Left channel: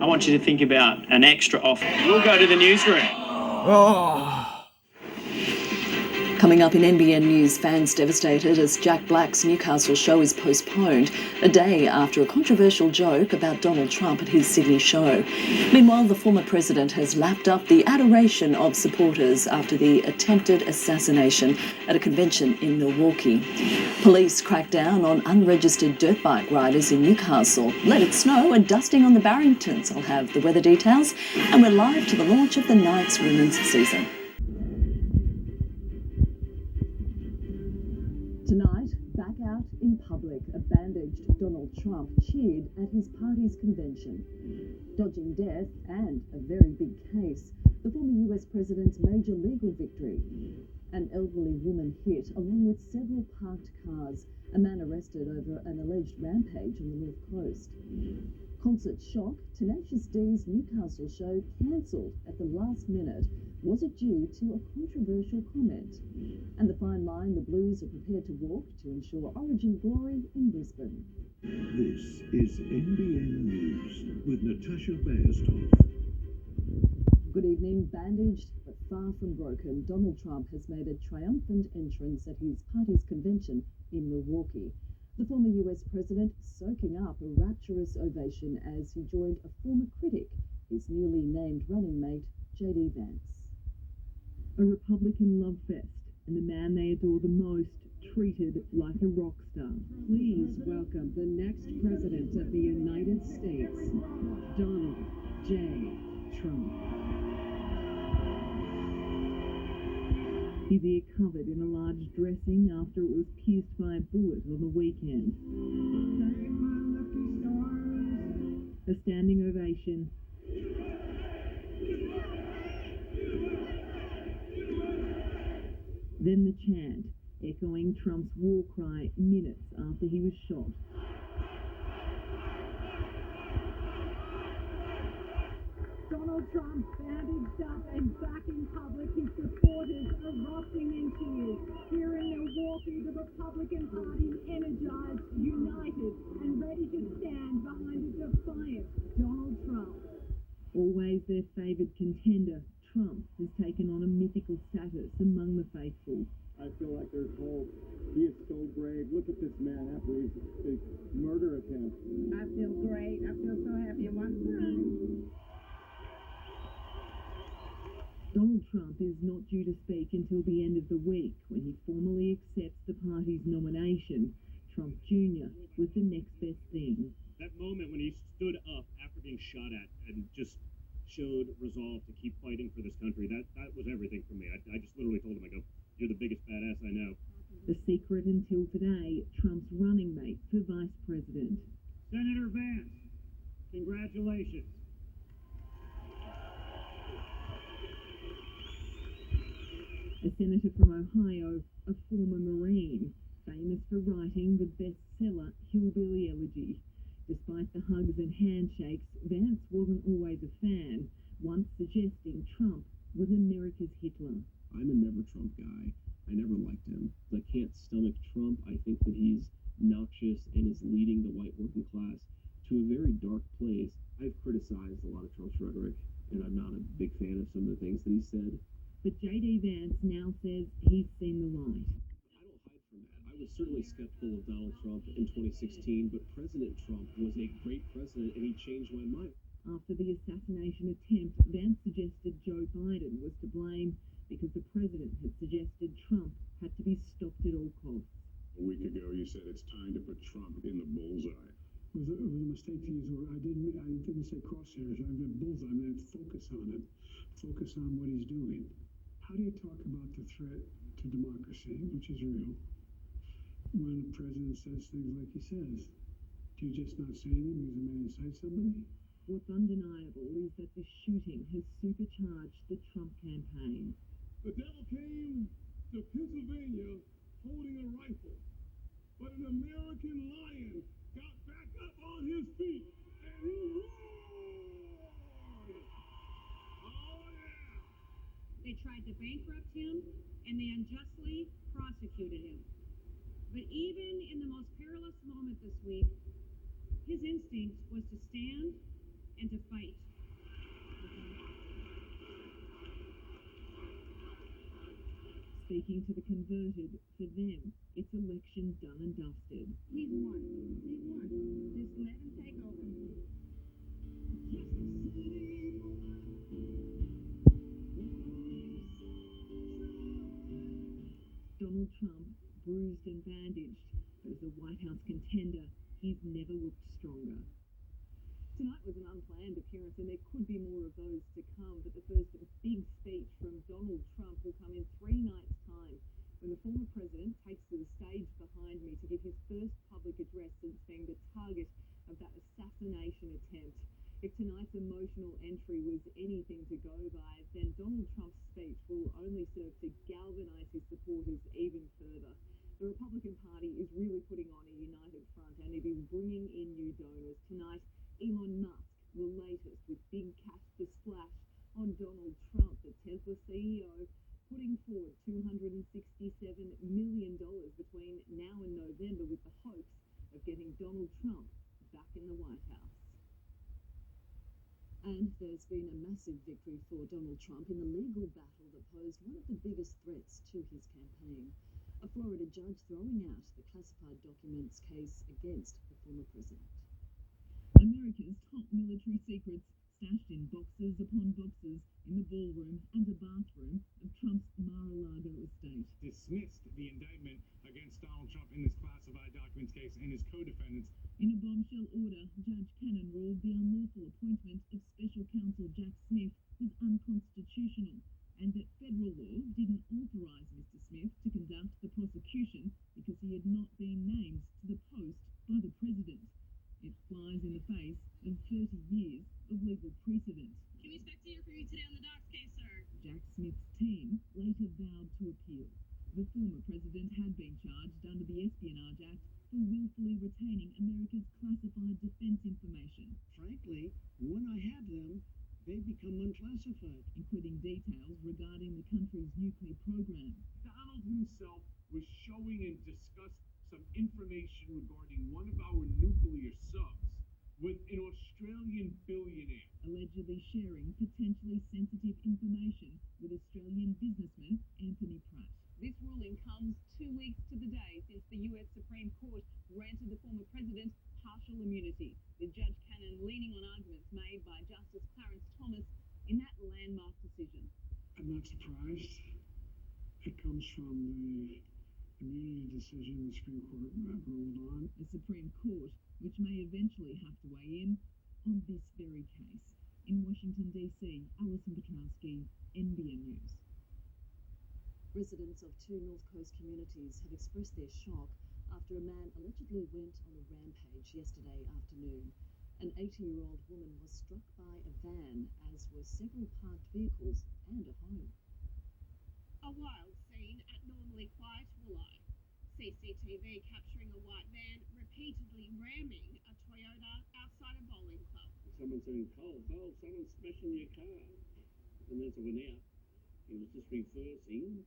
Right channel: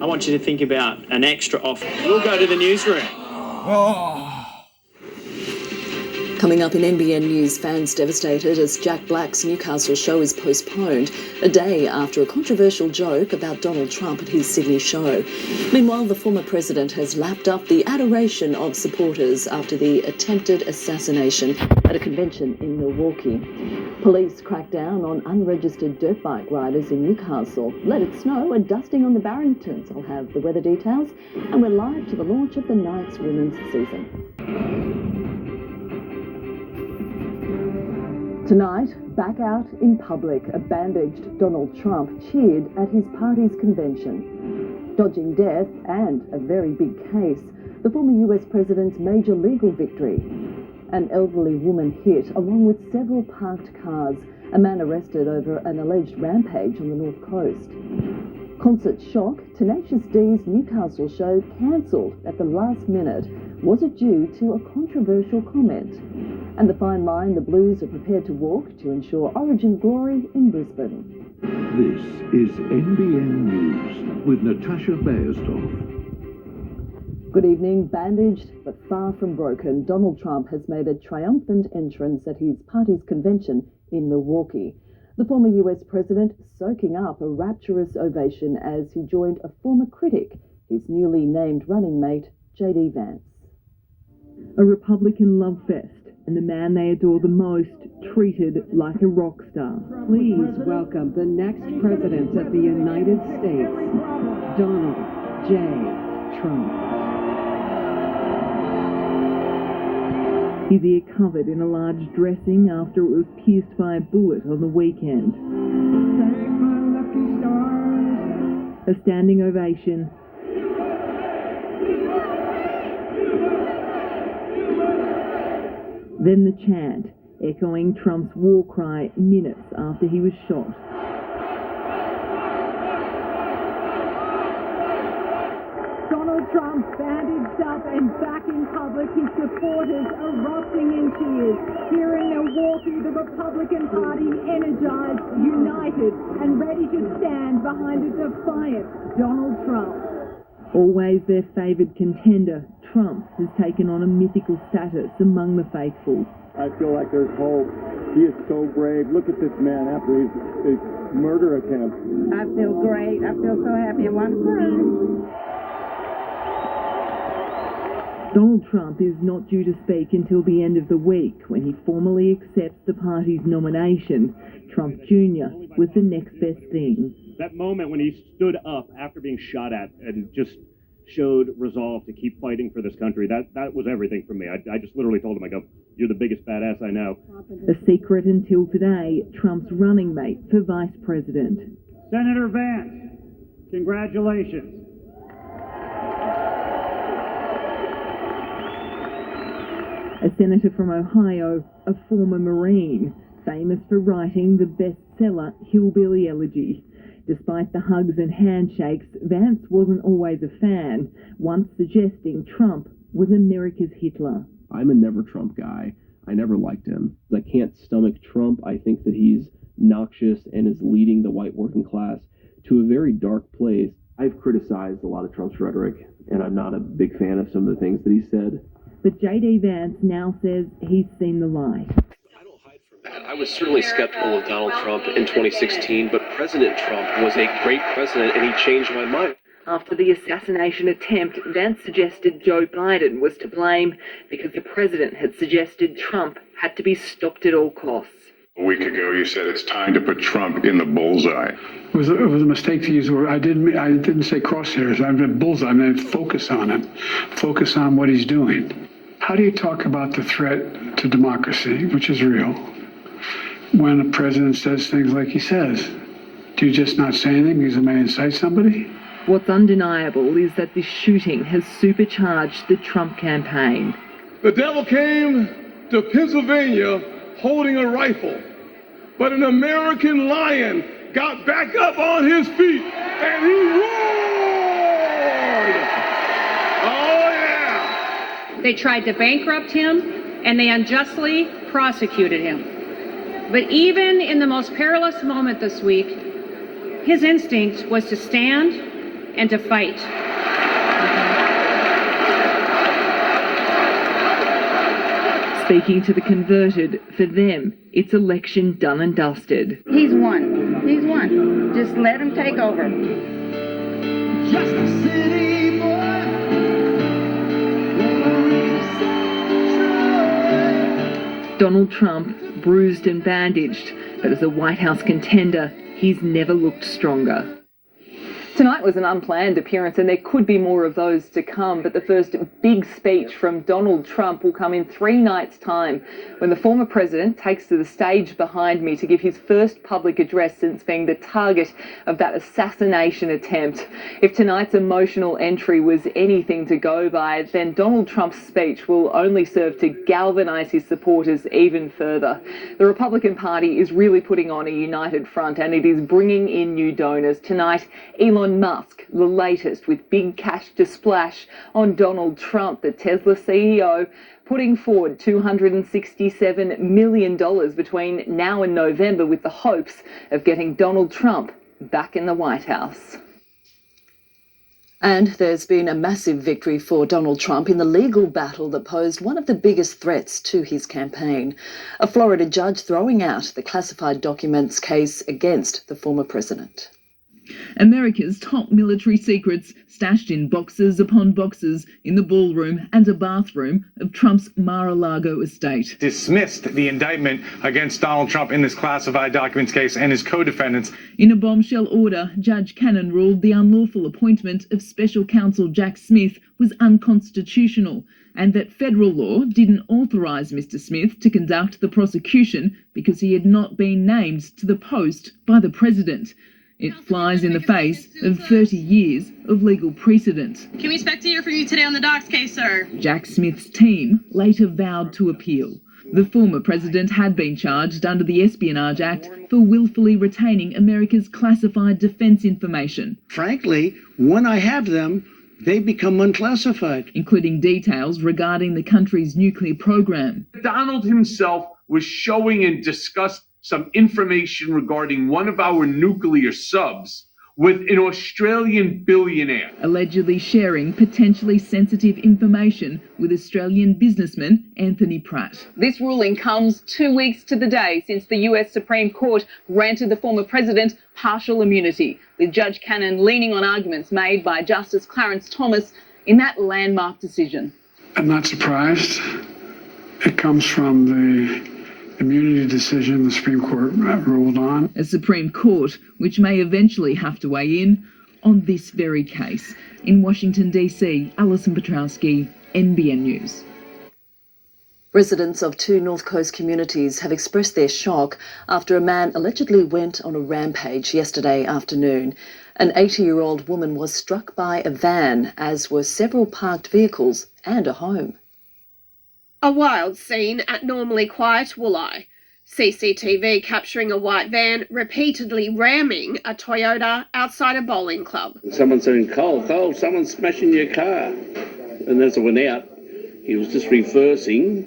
I want you to think about an extra offer. We'll go to the newsroom. Coming up in NBN News, fans devastated as Jack Black's Newcastle show is postponed a day after a controversial joke about Donald Trump at his Sydney show. Meanwhile, the former president has lapped up the adoration of supporters after the attempted assassination at a convention in Milwaukee. Police cracked down on unregistered dirt bike riders in Newcastle. Let it snow and dusting on the Barringtons. I'll have the weather details, and we're live to the launch of the Knights women's season. Tonight, back out in public, a bandaged Donald Trump cheered at his party's convention. Dodging death and a very big case, the former US president's major legal victory. An elderly woman hit along with several parked cars, a man arrested over an alleged rampage on the North Coast. Concert shock, Tenacious D's Newcastle show cancelled at the last minute. Was it due to a controversial comment? And the fine line the Blues are prepared to walk to ensure Origin glory in Brisbane. This is NBN News with Natasha Beyersdorf. Good evening. Bandaged but far from broken, Donald Trump has made a triumphant entrance at his party's convention in Milwaukee. The former US president soaking up a rapturous ovation as he joined a former critic, his newly named running mate, J.D. Vance. A Republican love fest, and the man they adore the most treated like a rock star. Please welcome the next president of the United States, Donald J. Trump. His ear covered in a large dressing after it was pierced by a bullet on the weekend. A standing ovation. Then the chant, echoing Trump's war cry minutes after he was shot. Donald Trump bandaged up and back in public, his supporters erupting in cheers. Here in Milwaukee, the Republican Party energized, united, and ready to stand behind a defiant Donald Trump. Always their favoured contender, Trump has taken on a mythical status among the faithful. I feel like there's hope. He is so brave. Look at this man after his murder attempt. I feel great. I feel so happy and wonderful. Donald Trump is not due to speak until the end of the week when he formally accepts the party's nomination. Trump Jr. was the next best thing. That moment when he stood up after being shot at and just showed resolve to keep fighting for this country, that was everything for me. I just literally told him, I go, you're the biggest badass I know. A secret until today, Trump's running mate for vice president. Senator Vance, congratulations. A senator from Ohio, a former Marine, famous for writing the bestseller Hillbilly Elegy. Despite the hugs and handshakes, Vance wasn't always a fan, once suggesting Trump was America's Hitler. I'm a never Trump guy. I never liked him. I can't stomach Trump. I think that he's noxious and is leading the white working class to a very dark place. I've criticized a lot of Trump's rhetoric, and I'm not a big fan of some of the things that he said. But J.D. Vance now says he's seen the light. I was certainly skeptical of Donald Trump in 2016, but President Trump was a great president, and he changed my mind. After the assassination attempt, Vance suggested Joe Biden was to blame because the president had suggested Trump had to be stopped at all costs. A week ago, you said it's time to put Trump in the bullseye. It was a mistake to use the word. I didn't say crosshairs. I meant bullseye. I meant focus on him. Focus on what he's doing. How do you talk about the threat to democracy, which is real, when a president says things like he says? Do you just not say anything because it may incite somebody? What's undeniable is that this shooting has supercharged the Trump campaign. The devil came to Pennsylvania holding a rifle, but an American lion got back up on his feet and he roared. Oh, yeah. They tried to bankrupt him and they unjustly prosecuted him. But even in the most perilous moment this week, his instinct was to stand and to fight. Speaking to the converted, for them, it's election done and dusted. He's won. He's won. Just let him take over. Just a city boy. Donald Trump, bruised and bandaged, but as a White House contender, he's never looked stronger. Tonight was an unplanned appearance, and there could be more of those to come, but the first big speech from Donald Trump will come in 3 nights' time, when the former president takes to the stage behind me to give his first public address since being the target of that assassination attempt. If tonight's emotional entry was anything to go by, then Donald Trump's speech will only serve to galvanise his supporters even further. The Republican Party is really putting on a united front, and it is bringing in new donors. Tonight, Elon Musk, the latest, with big cash to splash on Donald Trump, the Tesla CEO, putting forward $267 million between now and November with the hopes of getting Donald Trump back in the White House. And there's been a massive victory for Donald Trump in the legal battle that posed one of the biggest threats to his campaign. A Florida judge throwing out the classified documents case against the former president. America's top military secrets stashed in boxes upon boxes in the ballroom and a bathroom of Trump's Mar-a-Lago estate. Dismissed the indictment against Donald Trump in this classified documents case and his co-defendants. In a bombshell order, Judge Cannon ruled the unlawful appointment of Special Counsel Jack Smith was unconstitutional, and that federal law didn't authorise Mr. Smith to conduct the prosecution because he had not been named to the post by the president. It flies in the face of 30 years of legal precedent. Can we expect to hear from you today on the Docs case, sir? Jack Smith's team later vowed to appeal. The former president had been charged under the Espionage Act for willfully retaining America's classified defence information. Frankly, when I have them, they become unclassified. Including details regarding the country's nuclear program. Donald himself was showing and discussed some information regarding one of our nuclear subs with an Australian billionaire. Allegedly sharing potentially sensitive information with Australian businessman Anthony Pratt. This ruling comes 2 weeks to the day since the US Supreme Court granted the former president partial immunity, with Judge Cannon leaning on arguments made by Justice Clarence Thomas in that landmark decision. I'm not surprised. It comes from the immunity decision the Supreme Court ruled on. A Supreme Court which may eventually have to weigh in on this very case. In Washington, D.C., Alison Petrowski, NBN News. Residents of 2 North Coast communities have expressed their shock after a man allegedly went on a rampage yesterday afternoon. An 80-year-old woman was struck by a van, as were several parked vehicles and a home. A wild scene at normally quiet Wooli. CCTV capturing a white van repeatedly ramming a Toyota outside a bowling club. Someone saying, Cole, someone's smashing your car. And as I went out, he was just reversing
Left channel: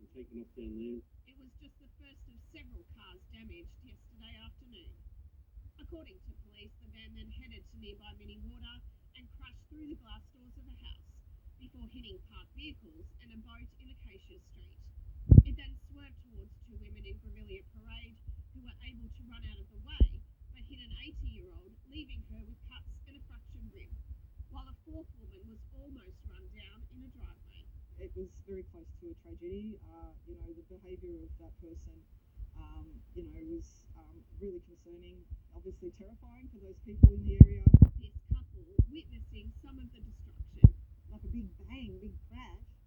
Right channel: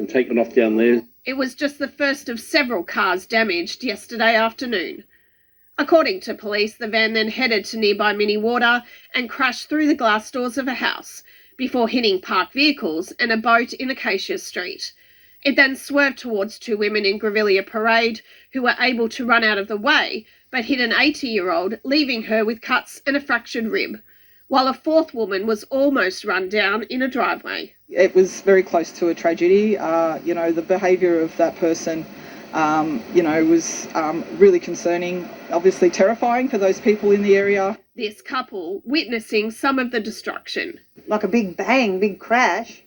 and taking off down there. It was just the first of several cars damaged yesterday afternoon. According to police, the van then headed to nearby Minnewater and crashed through the glass doors of a house, before hitting parked vehicles and a boat in Acacia Street. It then swerved towards 2 women in Grevillea Parade who were able to run out of the way, but hit an 80-year-old, leaving her with cuts and a fractured rib, while a 4th woman was almost run down in a driveway. It was very close to a tragedy. The behaviour of that person, was really concerning, obviously terrifying for those people in the area. This couple witnessing some of the destruction. Like a big bang, big crash,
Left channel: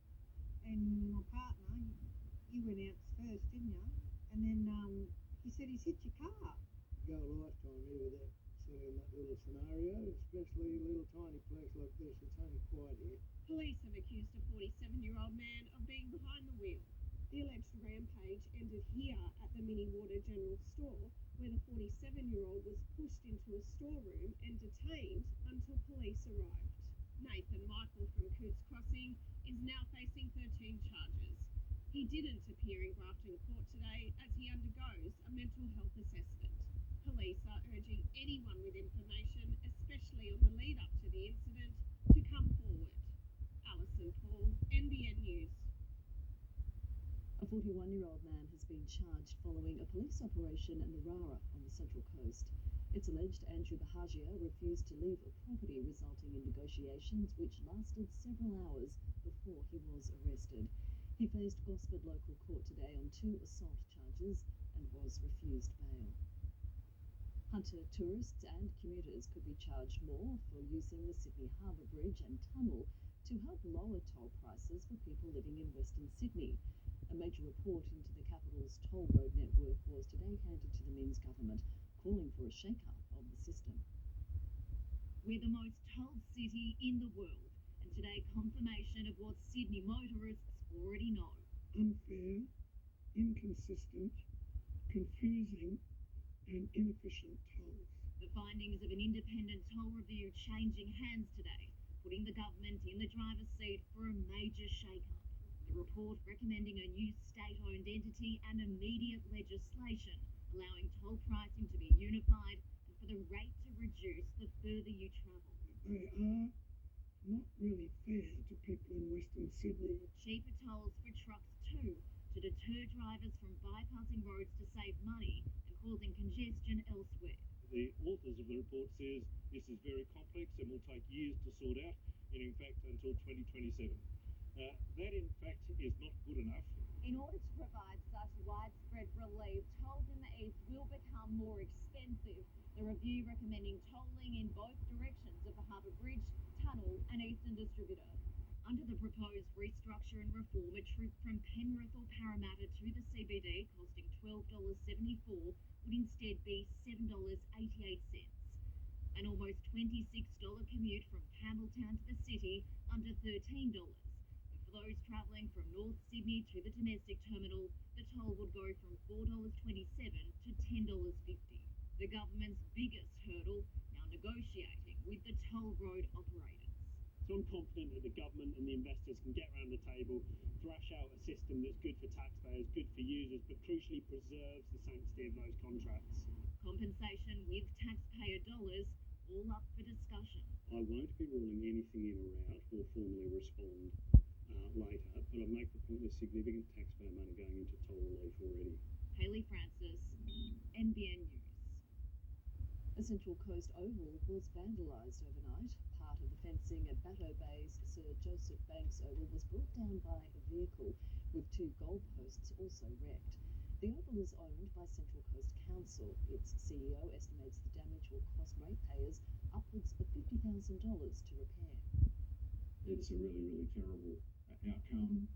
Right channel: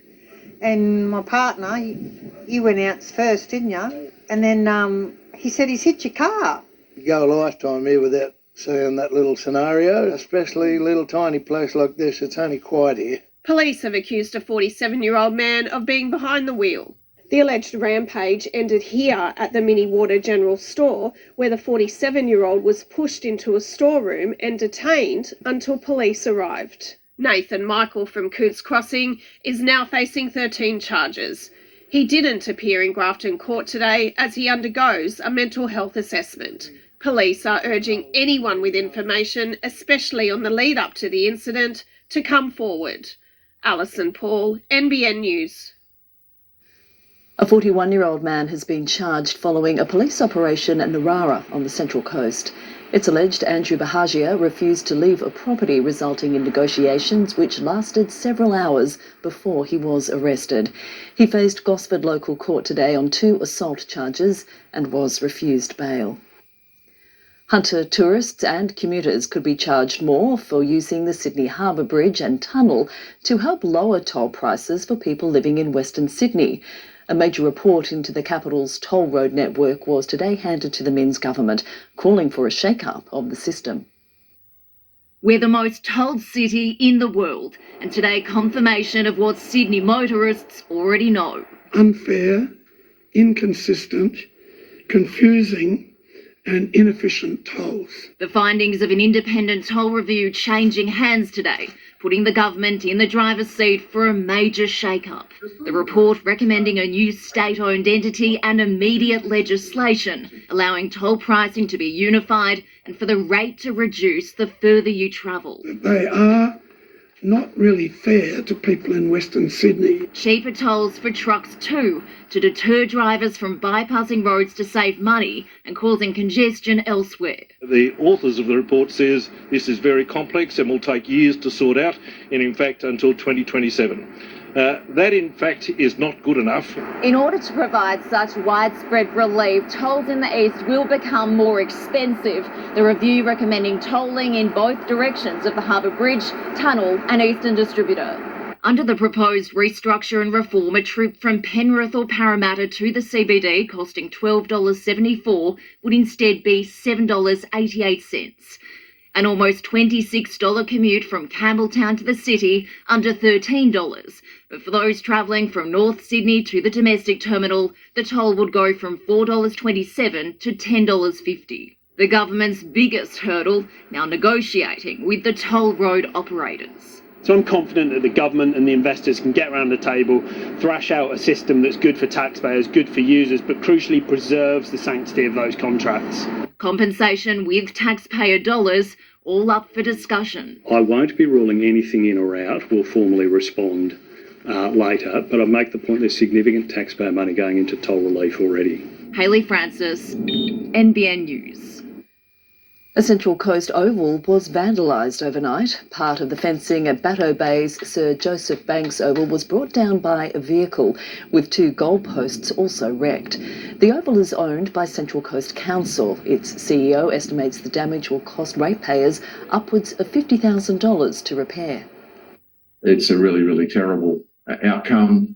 and my partner, you went out first, didn't you? And then he said he's hit your car. You go a lifetime here without seeing that little scenario, especially a little tiny place like this. It's only quiet here. Police have accused a 47-year-old man of being behind the wheel. The alleged rampage ended here at the Minnewater General Store, where the 47-year-old was pushed into a storeroom and detained until police arrived. Nathan Michael from Cootes Crossing is now facing 13 charges. He didn't appear in Grafton Court today as he undergoes a mental health assessment. Police are urging anyone with information, especially on the lead up to the incident, to come forward. Alison Paul, NBN News. A 41-year-old man has been charged following a police operation at Narara on the Central Coast. It's alleged Andrew Bahagia refused to leave a property, resulting in negotiations which lasted several hours before he was arrested. He faced Gosford Local Court today on 2 assault charges and was refused bail. Hunter tourists and commuters could be charged more for using the Sydney Harbour Bridge and tunnel to help lower toll prices for people living in Western Sydney. A major report into the capital's toll road network was today handed to the Minns government, calling for a shake-up of the system. We're the most tolled city in the world, and today confirmation of what Sydney motorists already know. Unfair, inconsistent, confusing and inefficient tolls. The findings of an independent toll review changing hands today, putting the government in the driver's seat for a major shake-up. The report recommending a new state-owned entity and immediate legislation, allowing toll pricing to be unified and for the rate to reduce the further you travel. They are not really fair to people in Western Sydney. Cheaper tolls for trucks too, to deter drivers from bypassing roads to save money and causing congestion elsewhere. The authors of the report says this is very complex and will take years to sort out, and in fact until 2027. That in fact is not good enough. In order to provide such widespread relief, tolls in the east will become more expensive. The review recommending tolling in both directions of the Harbour Bridge, tunnel and eastern distributor. Under the proposed restructure and reform, a trip from Penrith or Parramatta to the CBD costing $12.74 would instead be $7.88. An almost $26 commute from Campbelltown to the city under $13. But for those travelling from North Sydney to the domestic terminal, the toll would go from $4.27 to $10.50. The government's biggest hurdle, now negotiating with the toll road operators. So I'm confident that the government and the investors can get around the table, thrash out a system that's good for taxpayers, good for users, but crucially preserves the sanctity of those contracts. Compensation with taxpayer dollars, all up for discussion. I won't be ruling anything in or out. We'll formally respond later, but I make the point there's significant taxpayer money going into toll relief already. Hayley Francis, NBN News. A Central Coast oval was vandalised overnight. Part of the fencing at Batteau Bay's Sir Joseph Banks Oval was brought down by a vehicle, with 2 goalposts also wrecked. The oval is owned by Central Coast Council. Its CEO estimates the damage will cost ratepayers upwards of $50,000 to repair. It's a really, really terrible outcome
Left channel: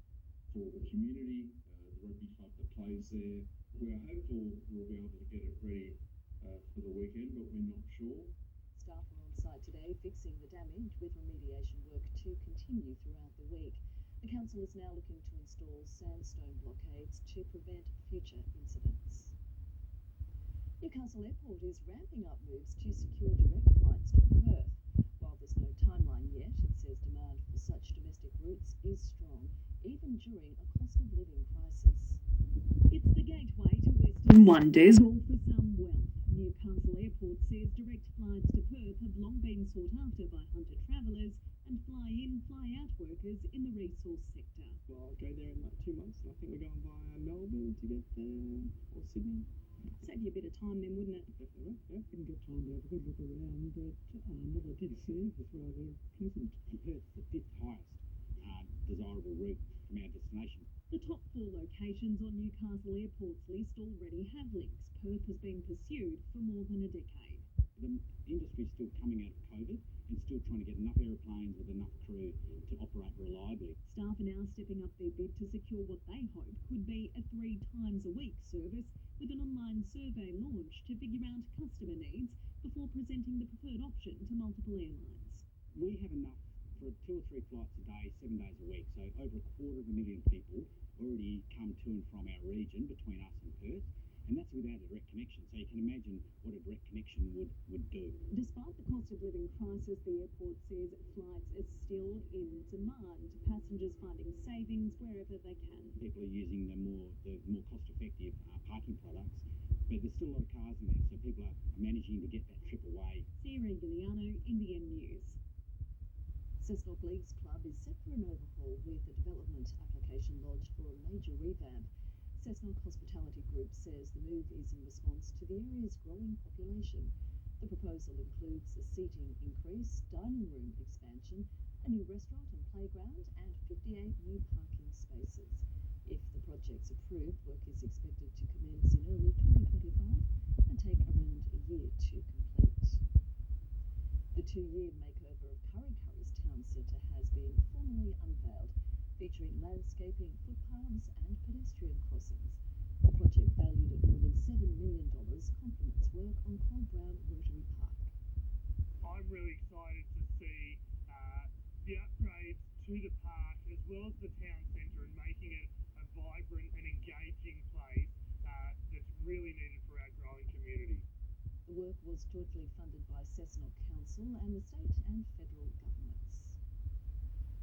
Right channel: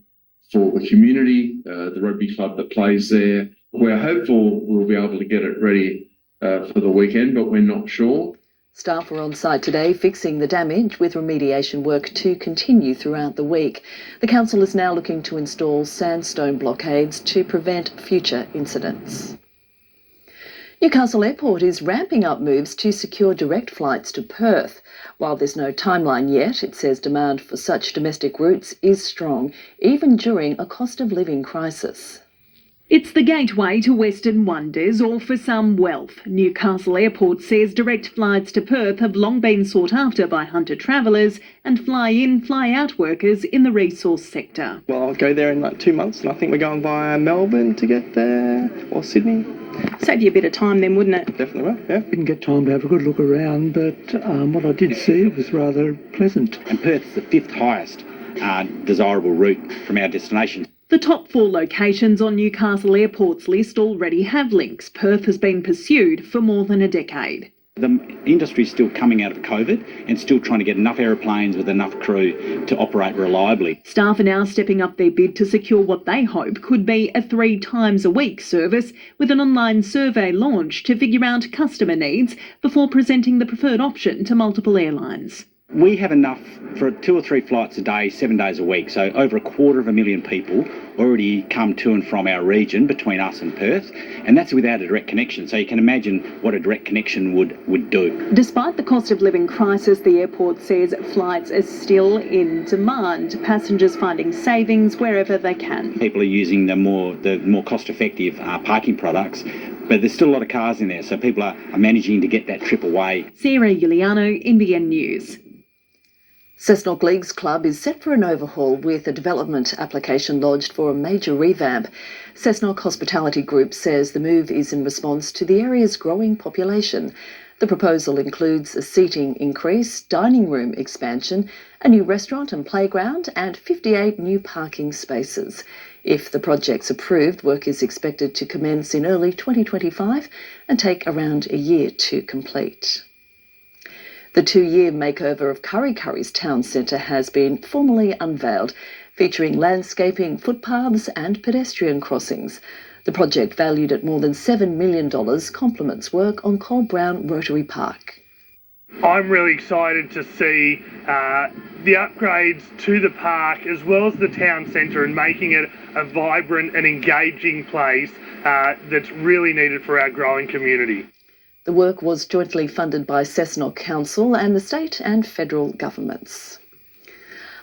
for the community, the rugby club that plays there. We're hopeful we'll be able to get it ready for the weekend, but we're not sure. Staff were on site today fixing the damage, with remediation work to continue throughout the week. The council is now looking to install sandstone blockades to prevent future incidents. Newcastle Airport is ramping up moves to secure direct flights to Perth. While there's no timeline yet, it says demand for such domestic routes is strong, even during a cost of living crisis. It's the gateway to Western wonders, or for some, wealth. Newcastle Airport says direct flights to Perth have long been sought after by Hunter travellers and fly-in, fly-out workers in the resource sector. Well, I'll go there in like 2 months, and I think we're going via Melbourne to get there, or Sydney. Save you a bit of time then, wouldn't it? Definitely will, yeah. Didn't get time to have a good look around, but what I did see was rather pleasant. And Perth's the 5th highest desirable route from our destination. The top 4 locations on Newcastle Airport's list already have links. Perth has been pursued for more than a decade. The industry's still coming out of COVID and still trying to get enough aeroplanes with enough crew to operate reliably. Staff are now stepping up their bid to secure what they hope could be a 3 times a week service, with an online survey launched to figure out customer needs before presenting the preferred option to multiple airlines. We have enough for 2 or 3 flights a day, 7 days a week. So over 250,000 people already come to and from our region between us and Perth, and that's without a direct connection. So you can imagine what a direct connection would do. Despite the cost of living crisis, the airport says flights are still in demand, passengers finding savings wherever they can. People are using the more cost-effective parking products, but there's still a lot of cars in there, so people are managing to get that trip away. Sarah Giuliano, NBN News. Cessnock Leagues Club is set for an overhaul with a development application lodged for a major revamp. Cessnock Hospitality Group says the move is in response to the area's growing population. The proposal includes a seating increase, dining room expansion, a new restaurant and playground, and 58 new parking spaces. If the project's approved, work is expected to commence in early 2025 and take around a year to complete. The 2-year makeover of Kurri Kurri's town centre has been formally unveiled, featuring landscaping, footpaths and pedestrian crossings. The project, valued at more than $7 million, complements work on Cole Brown Rotary Park. I'm really excited to see the upgrades to the park as well as the town centre and making it a vibrant and engaging place that's really needed for our growing community. The work was jointly funded by Cessnock Council and the state and federal governments.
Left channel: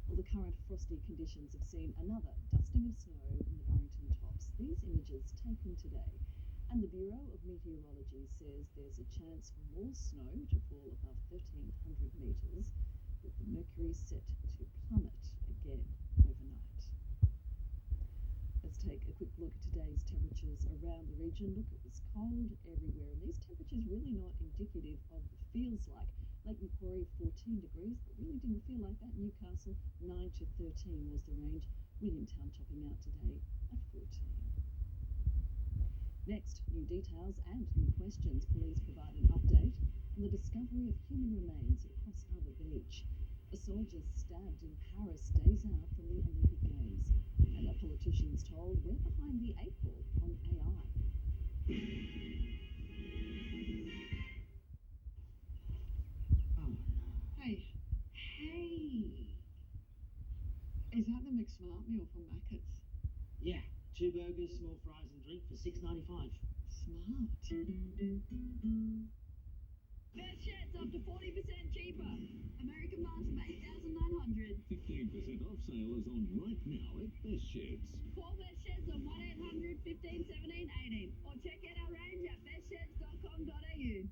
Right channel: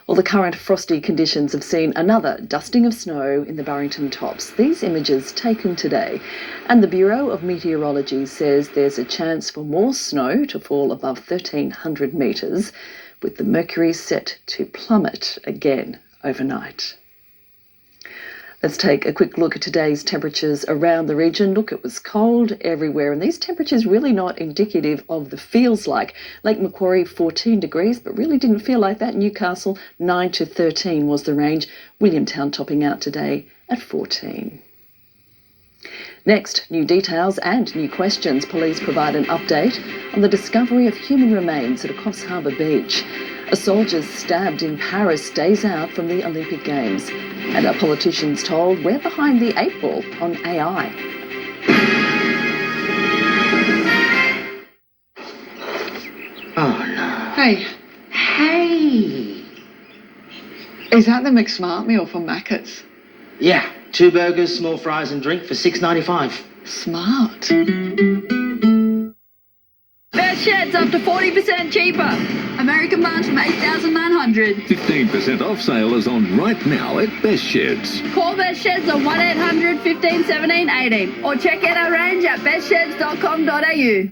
Well, the current frosty conditions have seen another dusting of snow in the Barrington Tops. These images taken today. And the Bureau of Meteorology says there's a chance for more snow to fall above 1,300 metres, with the mercury set to plummet again overnight. Let's take a quick look at today's temperatures around the region. Look, it was cold everywhere, and these temperatures really not indicative of the feels like. Lake Macquarie 14 degrees, but really didn't feel like that. Newcastle 9 to 13 was the range. Williamtown topping out today at 14. Next, new details and new questions. Police provide an update on the discovery of human remains at a Coffs Harbour beach. A soldier stabbed in Paris days out from the Olympic Games. And our politicians told we're behind the 8 ball on AI. Oh no. Hey. Hey. Is that the McSmart meal from Macca's? Yeah, 2 burgers, small fries and drink for $6.95. Smart. Best sheds up to 40% cheaper. American Bunch from $8,900. 15% off sale is on right now at Best Sheds. Call Best Sheds on 1800 15 17 18 or check out our range at bestsheds.com.au.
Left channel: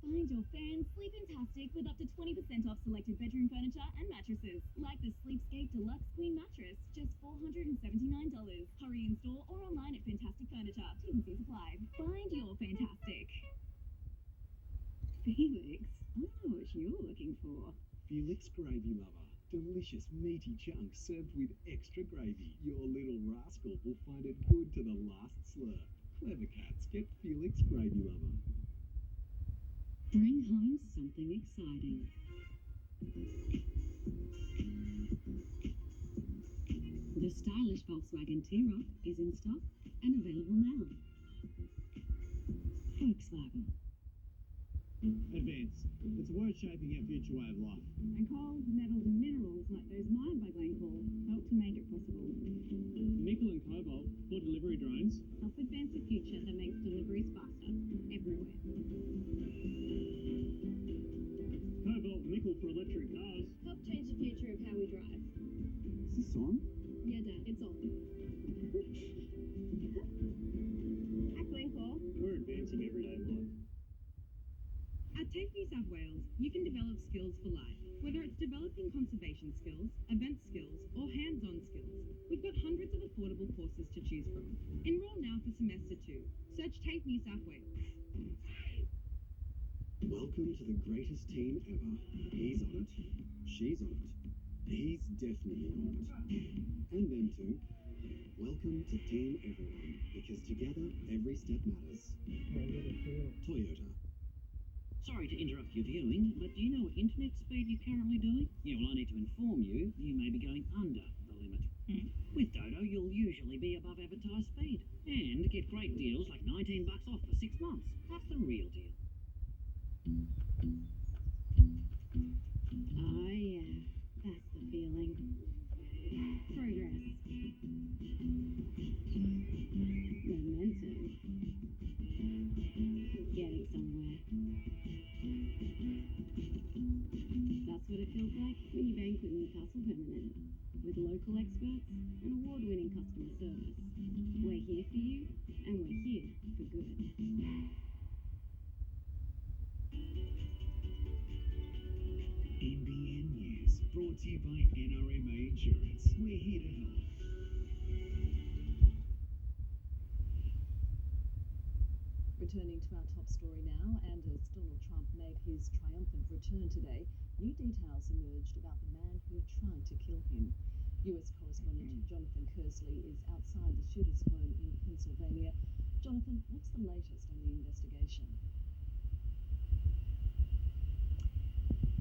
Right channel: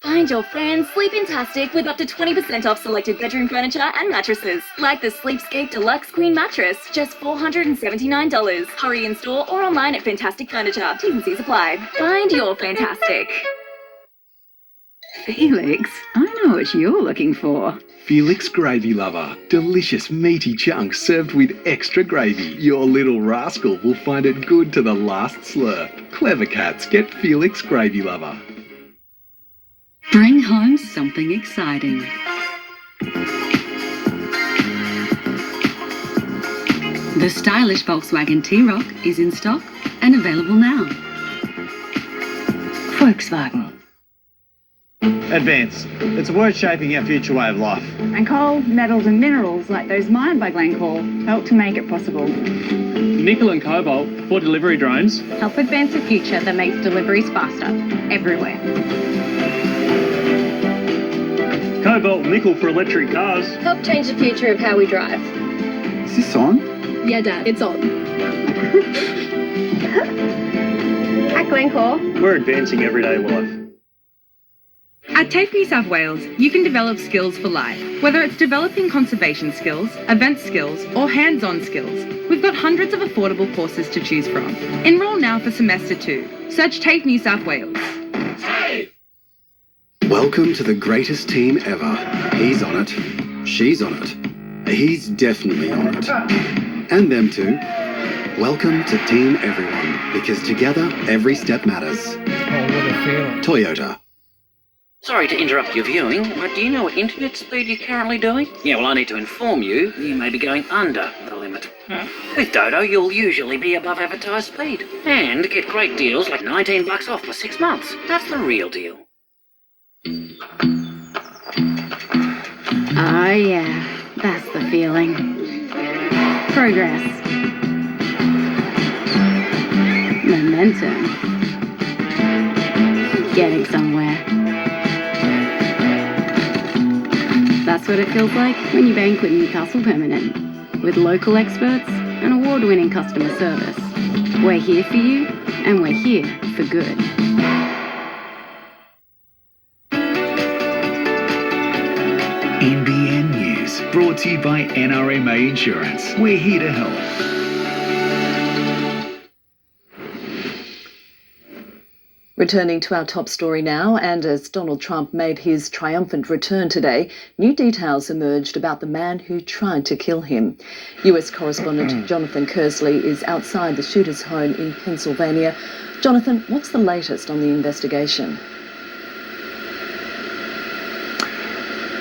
Find your friends Sleepintastic with up to 20% off selected bedroom furniture and mattresses. Like the Sleepscape Deluxe Queen Mattress, just $479. Hurry in store or online at Fantastic Furniture. T&Cs apply. Find your fantastic. Felix, I know what you're looking for. Felix Gravy Lover. Delicious meaty chunks served with extra gravy. Your little rascal will find it good to the last slurp. Clever cats get Felix Gravy Lover. Bring home something exciting. The stylish Volkswagen T-Roc is in stock and available now. Volkswagen. Advance. It's a word shaping our future way of life. And coal, metals and minerals like those mined by Glencore help to make it possible. Nickel and cobalt for delivery drones help advance a future that makes deliveries faster, everywhere. Cobalt and nickel for electric cars help change the future of how we drive. Is this on? Yeah, Dad, it's on. At Glencore, we're advancing everyday life. At TAFE New South Wales, you can develop skills for life. Whether it's developing conservation skills, event skills, or hands-on skills, we've got hundreds of affordable courses to choose from. Enrol now for semester 2. Search TAFE New South Wales. Welcome to the greatest team ever. He's on it. She's on it. He's definitely on it. And them too. Welcome to Team Everyone, because together, every step matters. Oh, what a feeling. Toyota. Sorry to interrupt your viewing, but do you know what internet speed you're currently doing? Yeah, well, I need to inform you, you may be going under the limit. With Dodo, you'll usually be above advertised speed. And get great deals like $19 off for 6 months. That's the real deal. yeah, that's the feeling. Progress. Momentum. Getting somewhere. That's what it feels like when you bank with Newcastle Permanent. With local experts and award-winning customer service. We're here for you, and we're here for good. NBN News, brought to you by NRMA Insurance. We're here to help. Returning to our top story now, and as Donald Trump made his triumphant return today, new details emerged about the man who tried to kill him. US correspondent Jonathan Kersley is outside the shooter's home in Pennsylvania. Jonathan, what's the latest on the investigation?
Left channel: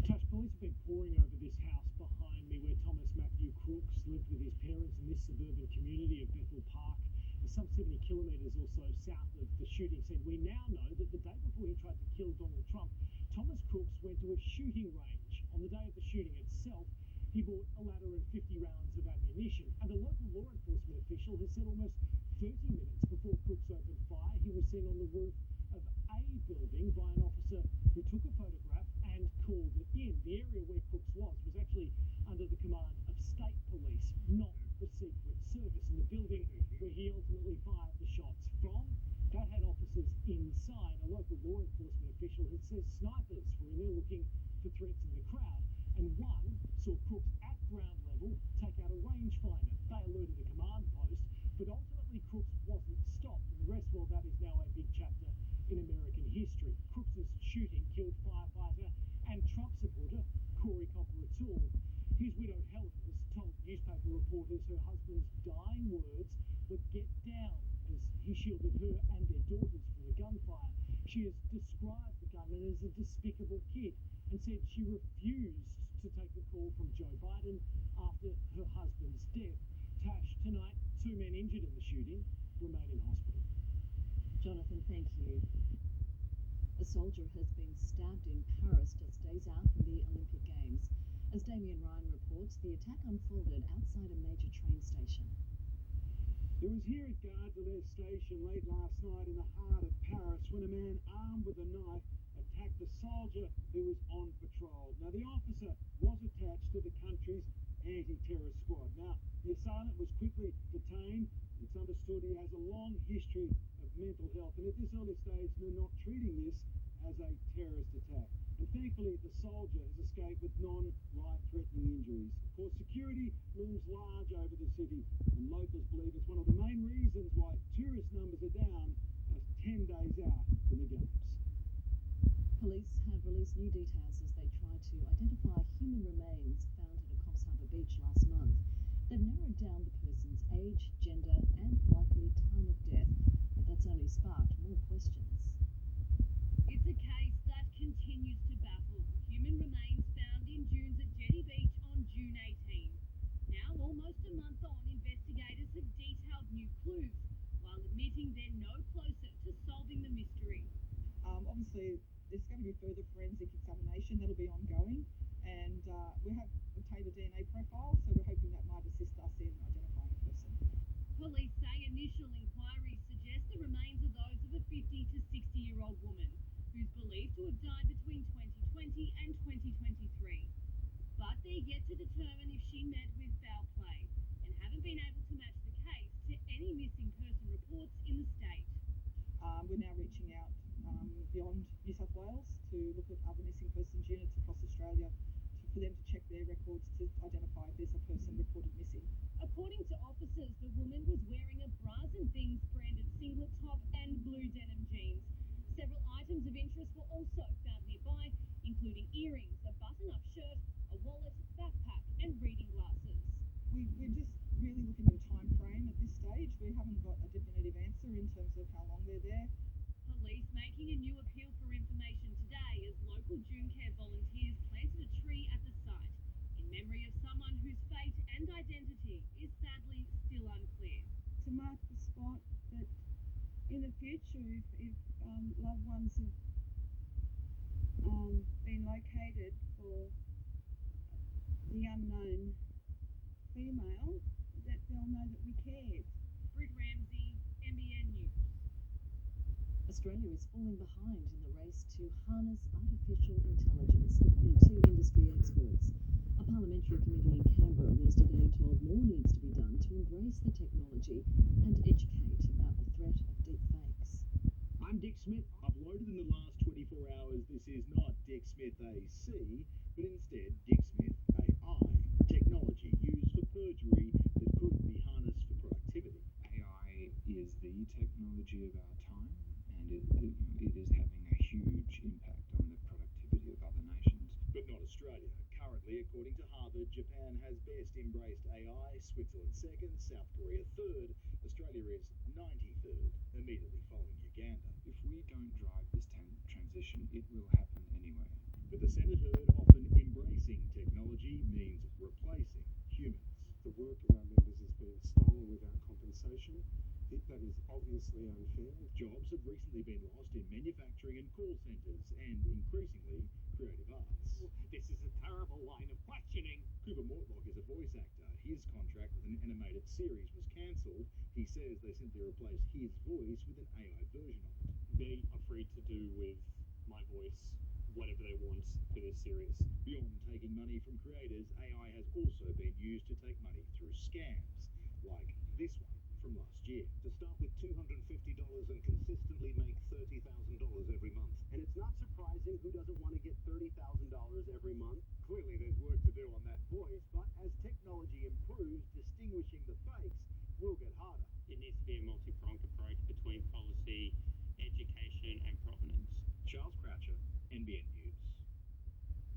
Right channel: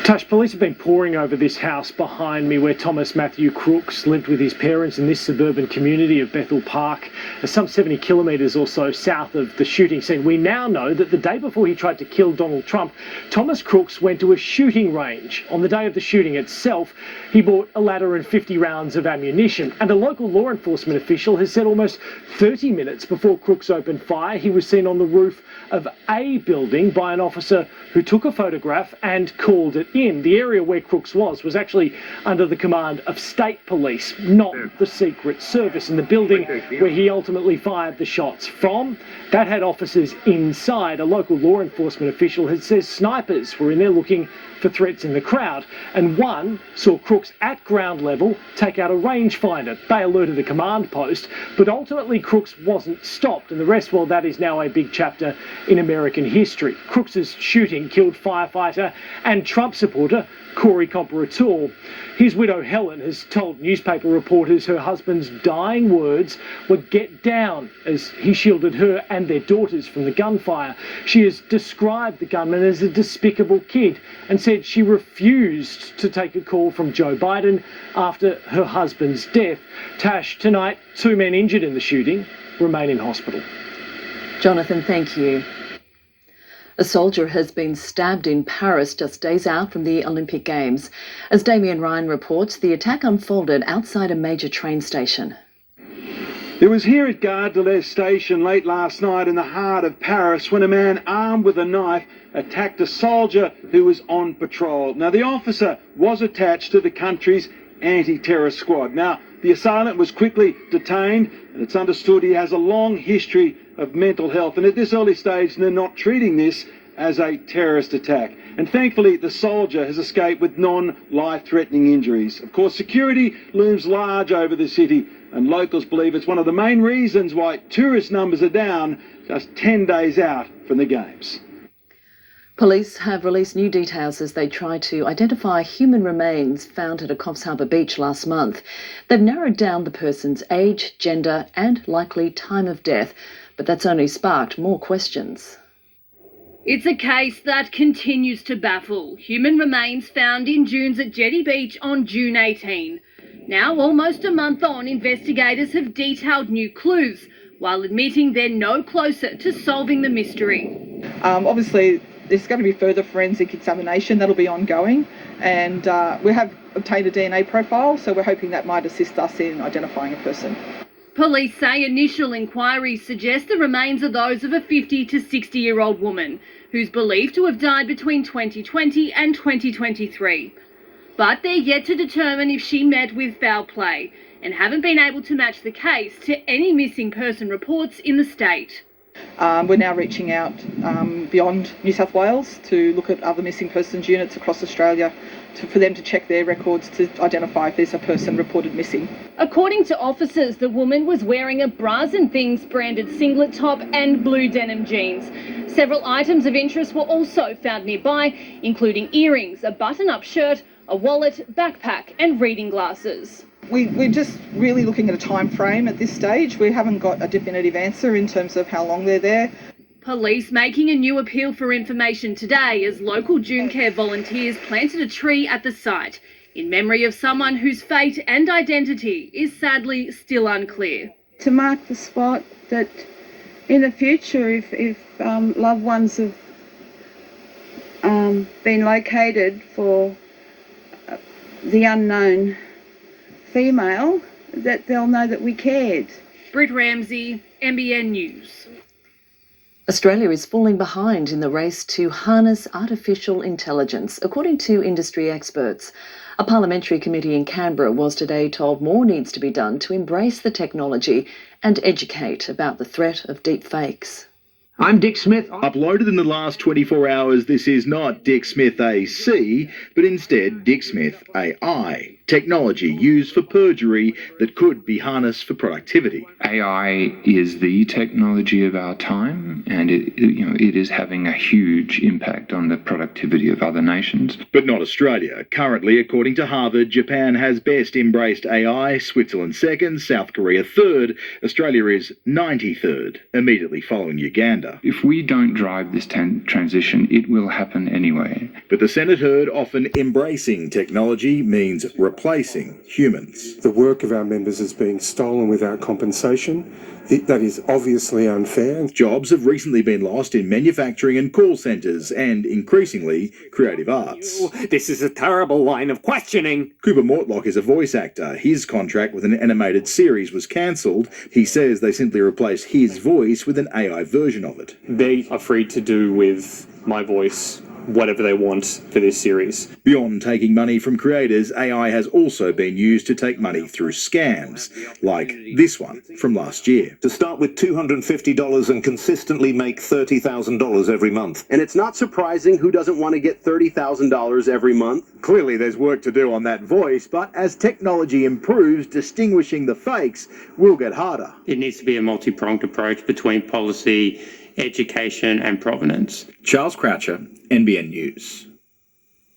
Tash, police have been poring over this house behind me where Thomas Matthew Crooks lived with his parents in this suburban community of Bethel Park, some 70 kilometres or so south of the shooting scene. We now know that the day before he tried to kill Donald Trump, Thomas Crooks went to a shooting range. On the day of the shooting itself, he bought a ladder and 50 rounds of ammunition. And a local law enforcement official has said almost 30 minutes before Crooks opened fire, he was seen on the roof of a building by an officer who took a photograph and called it in. The area where Crooks was actually under the command of state police, not the Secret Service. And the building where he ultimately fired the shots from, that had officers inside. A local law enforcement official has says snipers were in there looking for threats in the crowd, and one saw Crooks at ground level take out a rangefinder. They alerted the command post, but ultimately Crooks wasn't stopped, and the rest, well, that is now a big chapter in American history. Crooks's shooting killed firefighter and Trump supporter Corey Comparator. His widow Helen has told newspaper reporters her husband's dying words were "get down" as he shielded her and their daughters from the gunfire. She has described the gunman as a despicable kid and said she refused to take a call from Joe Biden after her husband's death. Tash, tonight, 2 men injured in the shooting remain in hospital. Jonathan, thank you. A soldier has been stabbed in Paris just days out from the Olympic Games. As Damien Ryan reports, the attack unfolded outside a major train station. It was here at Gare de l'Est station late last night in the heart of Paris when a man armed with a knife attacked a soldier who was on patrol. Now, the officer was attached to the country's anti-terror squad. Now, the assailant was quickly detained, and it's understood he has a long history of mental health, and at this early stage they're not treating this as a terrorist attack. And thankfully the soldier has escaped with non-life-threatening injuries. Of course, security looms large over the city, and locals believe it's one of the main reasons why tourist numbers are down just 10 days out from the Games. Police have released new details as they try to identify human remains found at a Coffs Harbour beach last month. They've narrowed down the person's age, gender and likely time of death, but that's only sparked more questions. It's a case that continues to baffle. Human remains found in dunes at Jetty Beach on June 18. Now, almost a month on, investigators have detailed new clues, while admitting they're no closer to solving the mystery. Obviously, there's going to be further forensic examination that'll be ongoing, and we have obtained a DNA profile, so we're hoping that might assist us in identifying a person. Police say initial inquiries suggest the remains are those of a 50 to 60-year-old woman who's believed to have died between 2020 and 2023. But they're yet to determine if she met with foul play and haven't been able to match the case to any missing person reports in the state. We're now reaching out beyond New South Wales to look at other missing persons units across Australia for them to check their records to identify if there's a person reported missing. According to officers, the woman was wearing a Bras and Things branded singlet top and blue denim jeans. Several items of interest were also found nearby, including earrings, a button-up shirt, a wallet, backpack and reading glasses. We're just really looking at a time frame at this stage. We haven't got a definitive answer in terms of how long they're there. Police making a new appeal for information today as local Dune Care volunteers planted a tree at the site in memory of someone whose fate and identity is sadly still unclear. To mark the spot that in the future, if loved ones have been located for the unknown female, that they'll know that we cared. Britt Ramsey, NBN News. Australia is falling behind in the race to harness artificial intelligence, according to industry experts. A parliamentary committee in Canberra was today told more needs to be done to embrace the technology and educate about the threat of deep fakes. I'm Dick Smith. Uploaded in the last 24 hours, this is not Dick Smith AC, but instead Dick Smith AI, technology used for perjury that could be harnessed for productivity. AI is the technology of our time, and it is having a huge impact on the productivity of other nations. But not Australia. Currently, according to Harvard, Japan has best embraced AI, Switzerland second, South Korea third, Australia is 93rd, immediately following Uganda. If we don't drive this transition, it will happen anyway. But the Senate heard often embracing technology means replacing humans. The work of our members is being stolen without compensation. That is obviously unfair. Jobs have recently been lost in manufacturing and call centres and, increasingly, creative arts. This is a terrible line of questioning. Cooper Mortlock is a voice actor. His contract with an animated series was cancelled. He says they simply replaced his voice with an AI version of it. They are free to do with my voice whatever they want for this series. Beyond taking money from creators, AI has also been used to take money through scams, like this one from last year. To start with $250 and consistently make $30,000 every month. And it's not surprising who doesn't want to get $30,000 every month. Clearly there's work to do on that voice, but as technology improves, distinguishing the fakes will get harder. It needs to be a multi-pronged approach between policy, education and provenance. Charles Croucher, NBN News.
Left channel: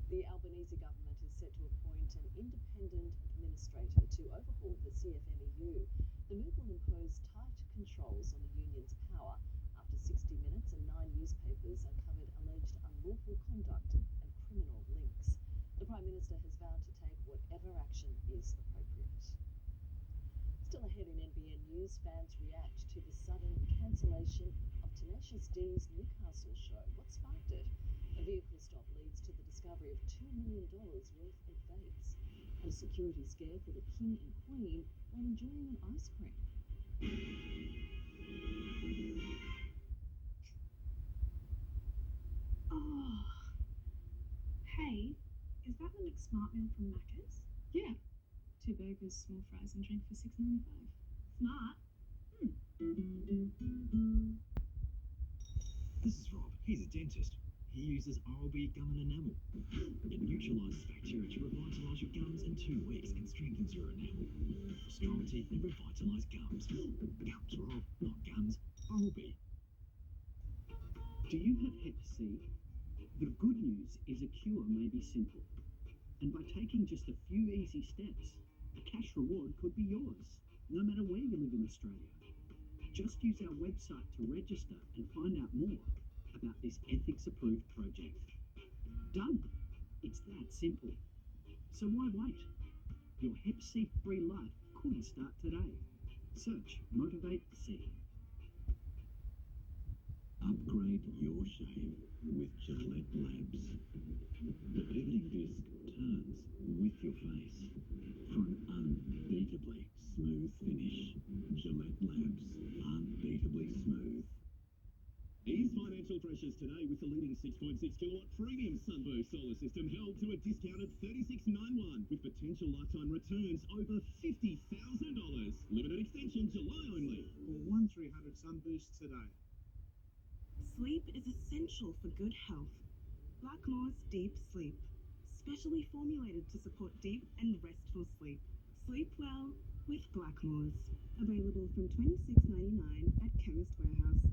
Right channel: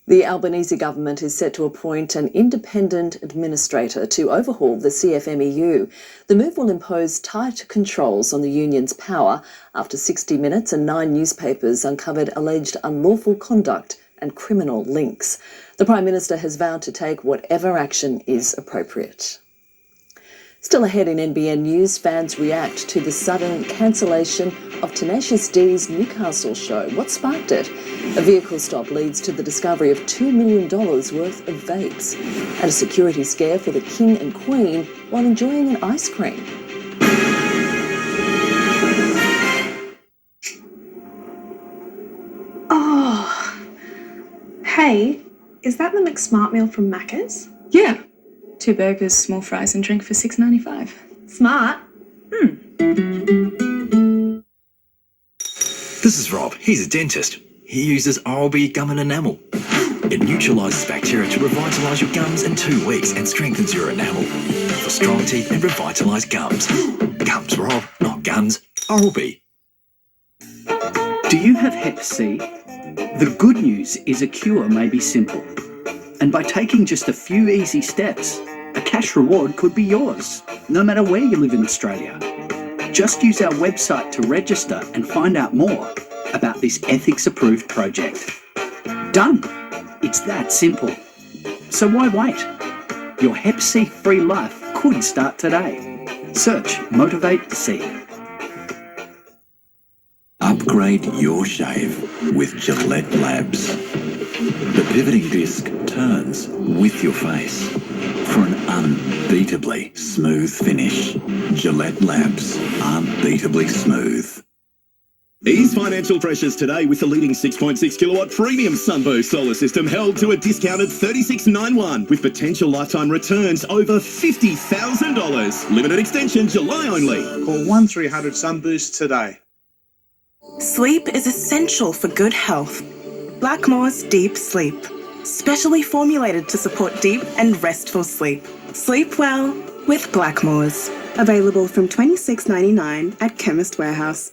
The Albanese government is set to appoint an independent administrator to overhaul the CFMEU. The move will impose tight controls on the union's power after 60 Minutes and 9 newspapers uncovered alleged unlawful conduct and criminal links. The Prime Minister has vowed to take whatever action is appropriate. Still ahead in NBN News, fans react to the sudden cancellation of Tenacious D's Newcastle show. What sparked it? A vehicle stop leads to the discovery of $2 million worth of vapes and a security scare for the King and Queen while enjoying an ice cream. Oh, hey, is that the McSmart meal from Macca's? Yeah. 2 burgers, small fries and drink for $6.95. Smart. This is Rob. He's a dentist. He uses Oral-B gum and enamel. It neutralises bacteria to revitalise your gums in 2 weeks and strengthens your enamel for strong teeth and revitalised gums. Gums, Rob, not guns. Oral-B. Do you have Hep C? The good news is a cure may be simple. And by taking just a few easy steps, a cash reward could be yours, no matter where you live in Australia. Just use our website to register and find out more about this ethics-approved project. Done. It's that simple. So why wait? Your Hep C-free life could start today. Search Motivate C. Upgrade your shave with Gillette Labs. The pivoting disc turns with your face for an unbeatably smooth finish. Gillette Labs, unbeatably smooth. Ease financial pressures today with the leading 6.6 kilowatt premium Sunboost solar system held to a discounted $36.91 with potential lifetime returns over $50,000. Limited extension July only. Call 1300 Sunboost today. Sleep is essential for good health. Blackmore's Deep Sleep, specially formulated to support deep and restful sleep. Sleep well with Blackmore's. Available from $26.99 at Chemist Warehouse.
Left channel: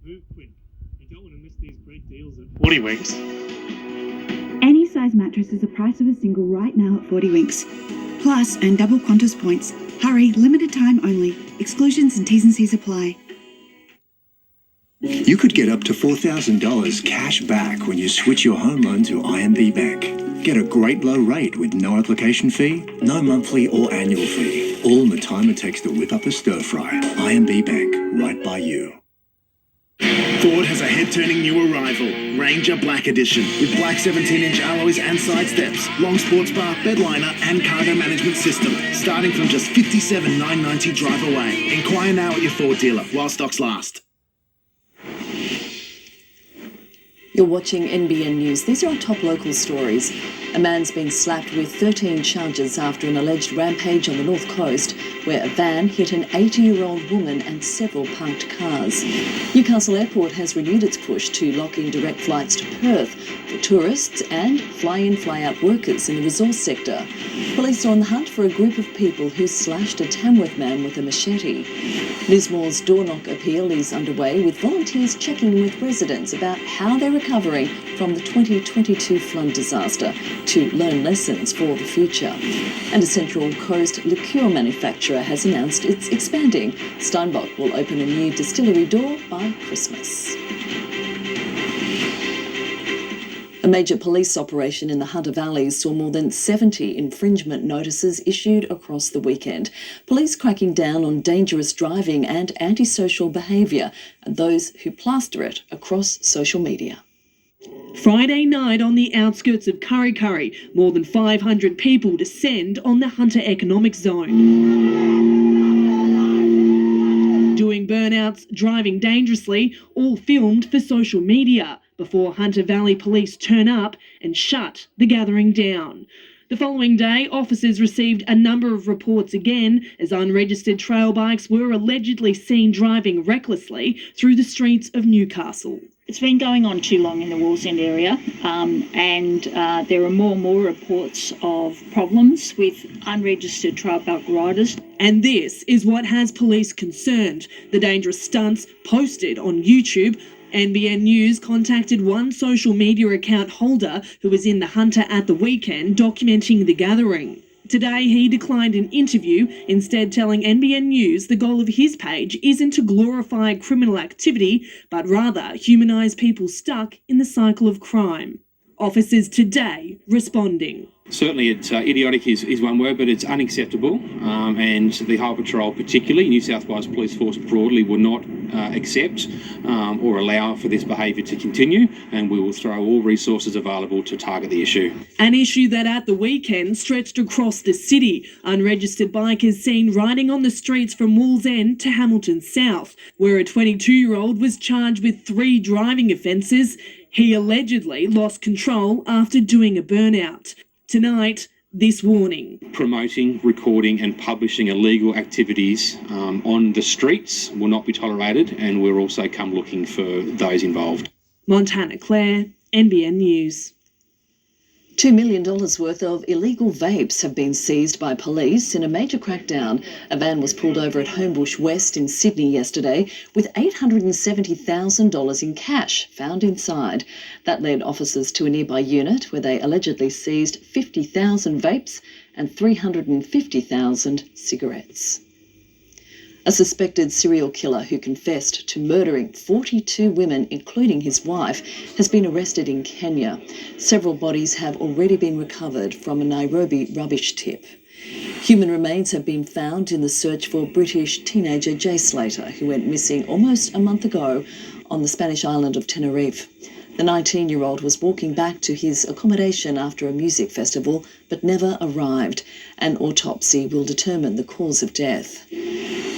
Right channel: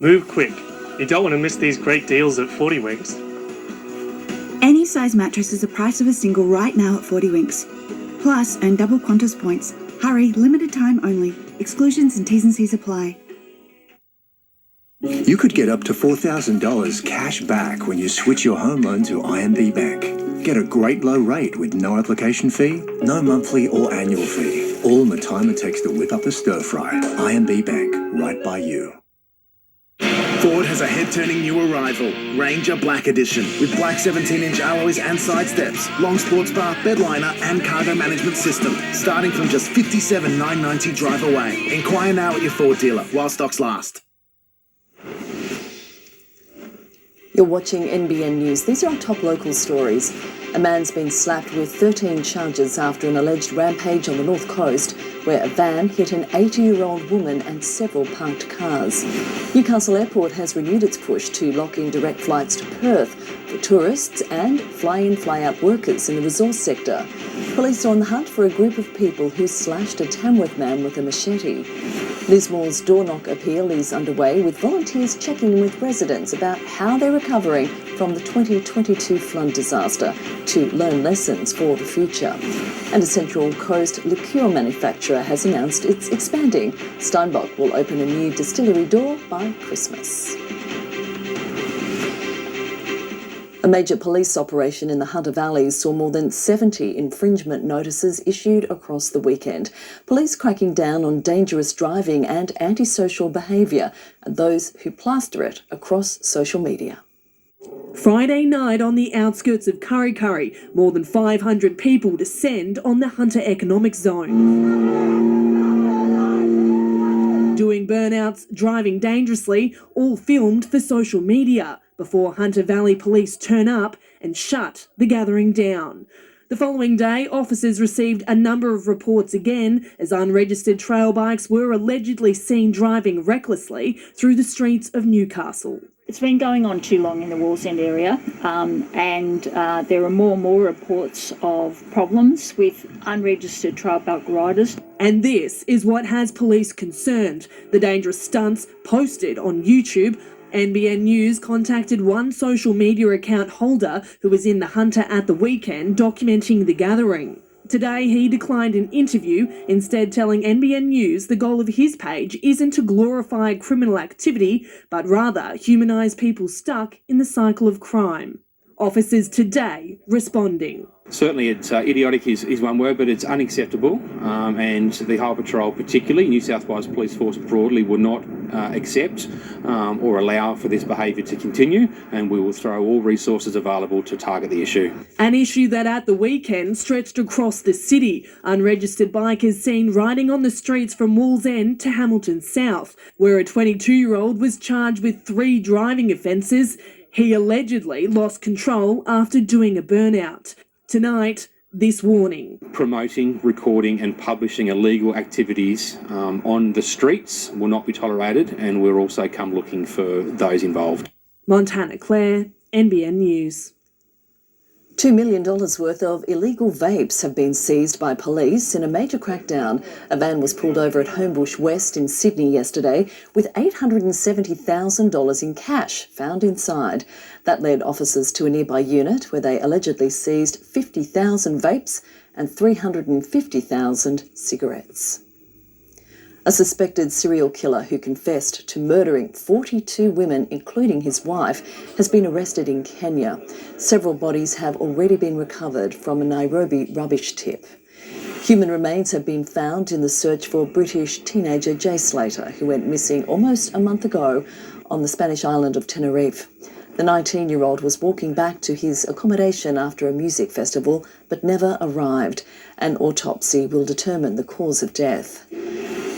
Move quick. You don't want to miss these great deals at 40 Winks. Any size mattress is the price of a single right now at 40 Winks. Plus, earn double Qantas points. Hurry, limited time only. Exclusions and T's and C's apply. You could get up to $4,000 cash back when you switch your home loan to IMB Bank. Get a great low rate with no application fee, no monthly or annual fee. All in the time it takes to whip up a stir fry. IMB Bank, right by you. Ford has a head-turning new arrival, Ranger Black Edition, with black 17-inch alloys and side steps, long sports bar, bedliner and cargo management system, starting from just $57,990 drive away. Inquire now at your Ford dealer while stocks last. You're watching NBN News. These are our top local stories. A man's been slapped with 13 charges after an alleged rampage on the North Coast, where a van hit an 80-year-old woman and several parked cars. Newcastle Airport has renewed its push to lock in direct flights to Perth for tourists and fly-in, fly-out workers in the resource sector. Police are on the hunt for a group of people who slashed a Tamworth man with a machete. Lismore's door knock appeal is underway, with volunteers checking in with residents about how they're recovering from the 2022 flood disaster to learn lessons for the future. And a Central Coast liqueur manufacturer has announced it's expanding. Steinbock will open a new distillery door by Christmas. A major police operation in the Hunter Valley saw more than 70 infringement notices issued across the weekend. Police cracking down on dangerous driving and antisocial behaviour and those who plaster it across social media. Friday night on the outskirts of Kurri Kurri, more than 500 people descend on the Hunter Economic Zone. Doing burnouts, driving dangerously, all filmed for social media, before Hunter Valley Police turn up and shut the gathering down. The following day, officers received a number of reports again as unregistered trail bikes were allegedly seen driving recklessly through the streets of Newcastle. It's been going on too long in the Wallsend area, and there are more and more reports of problems with unregistered trail bike riders. And this is what has police concerned. The dangerous stunts posted on YouTube. NBN News contacted one social media account holder who was in the Hunter at the weekend documenting the gathering. Today, he declined an interview, instead telling NBN News the goal of his page isn't to glorify criminal activity, but rather humanise people stuck in the cycle of crime. Officers today responding. Certainly it's idiotic is one word, but it's unacceptable, and the Highway Patrol, particularly New South Wales Police Force broadly, will not accept or allow for this behaviour to continue, and we will throw all resources available to target the issue. An issue that at the weekend stretched across the city. Unregistered bikers seen riding on the streets from Wallsend to Hamilton South, where a 22-year-old was charged with 3 driving offences. He allegedly lost control after doing a burnout. Tonight, this warning. Promoting, recording and publishing illegal activities on the streets will not be tolerated, and we'll also come looking for those involved. Montana Clare, NBN News. $2 million worth of illegal vapes have been seized by police in a major crackdown. A van was pulled over at Homebush West in Sydney yesterday with $870,000 in cash found inside. That led officers to a nearby unit where they allegedly seized 50,000 vapes and 350,000 cigarettes. A suspected serial killer who confessed to murdering 42 women, including his wife, has been arrested in Kenya. Several bodies have already been recovered from a Nairobi rubbish tip. Human remains have been found in the search for British teenager Jay Slater, who went missing almost a month ago on the Spanish island of Tenerife. The 19-year-old was walking back to his accommodation after a music festival, but never arrived. An autopsy will determine the cause of death.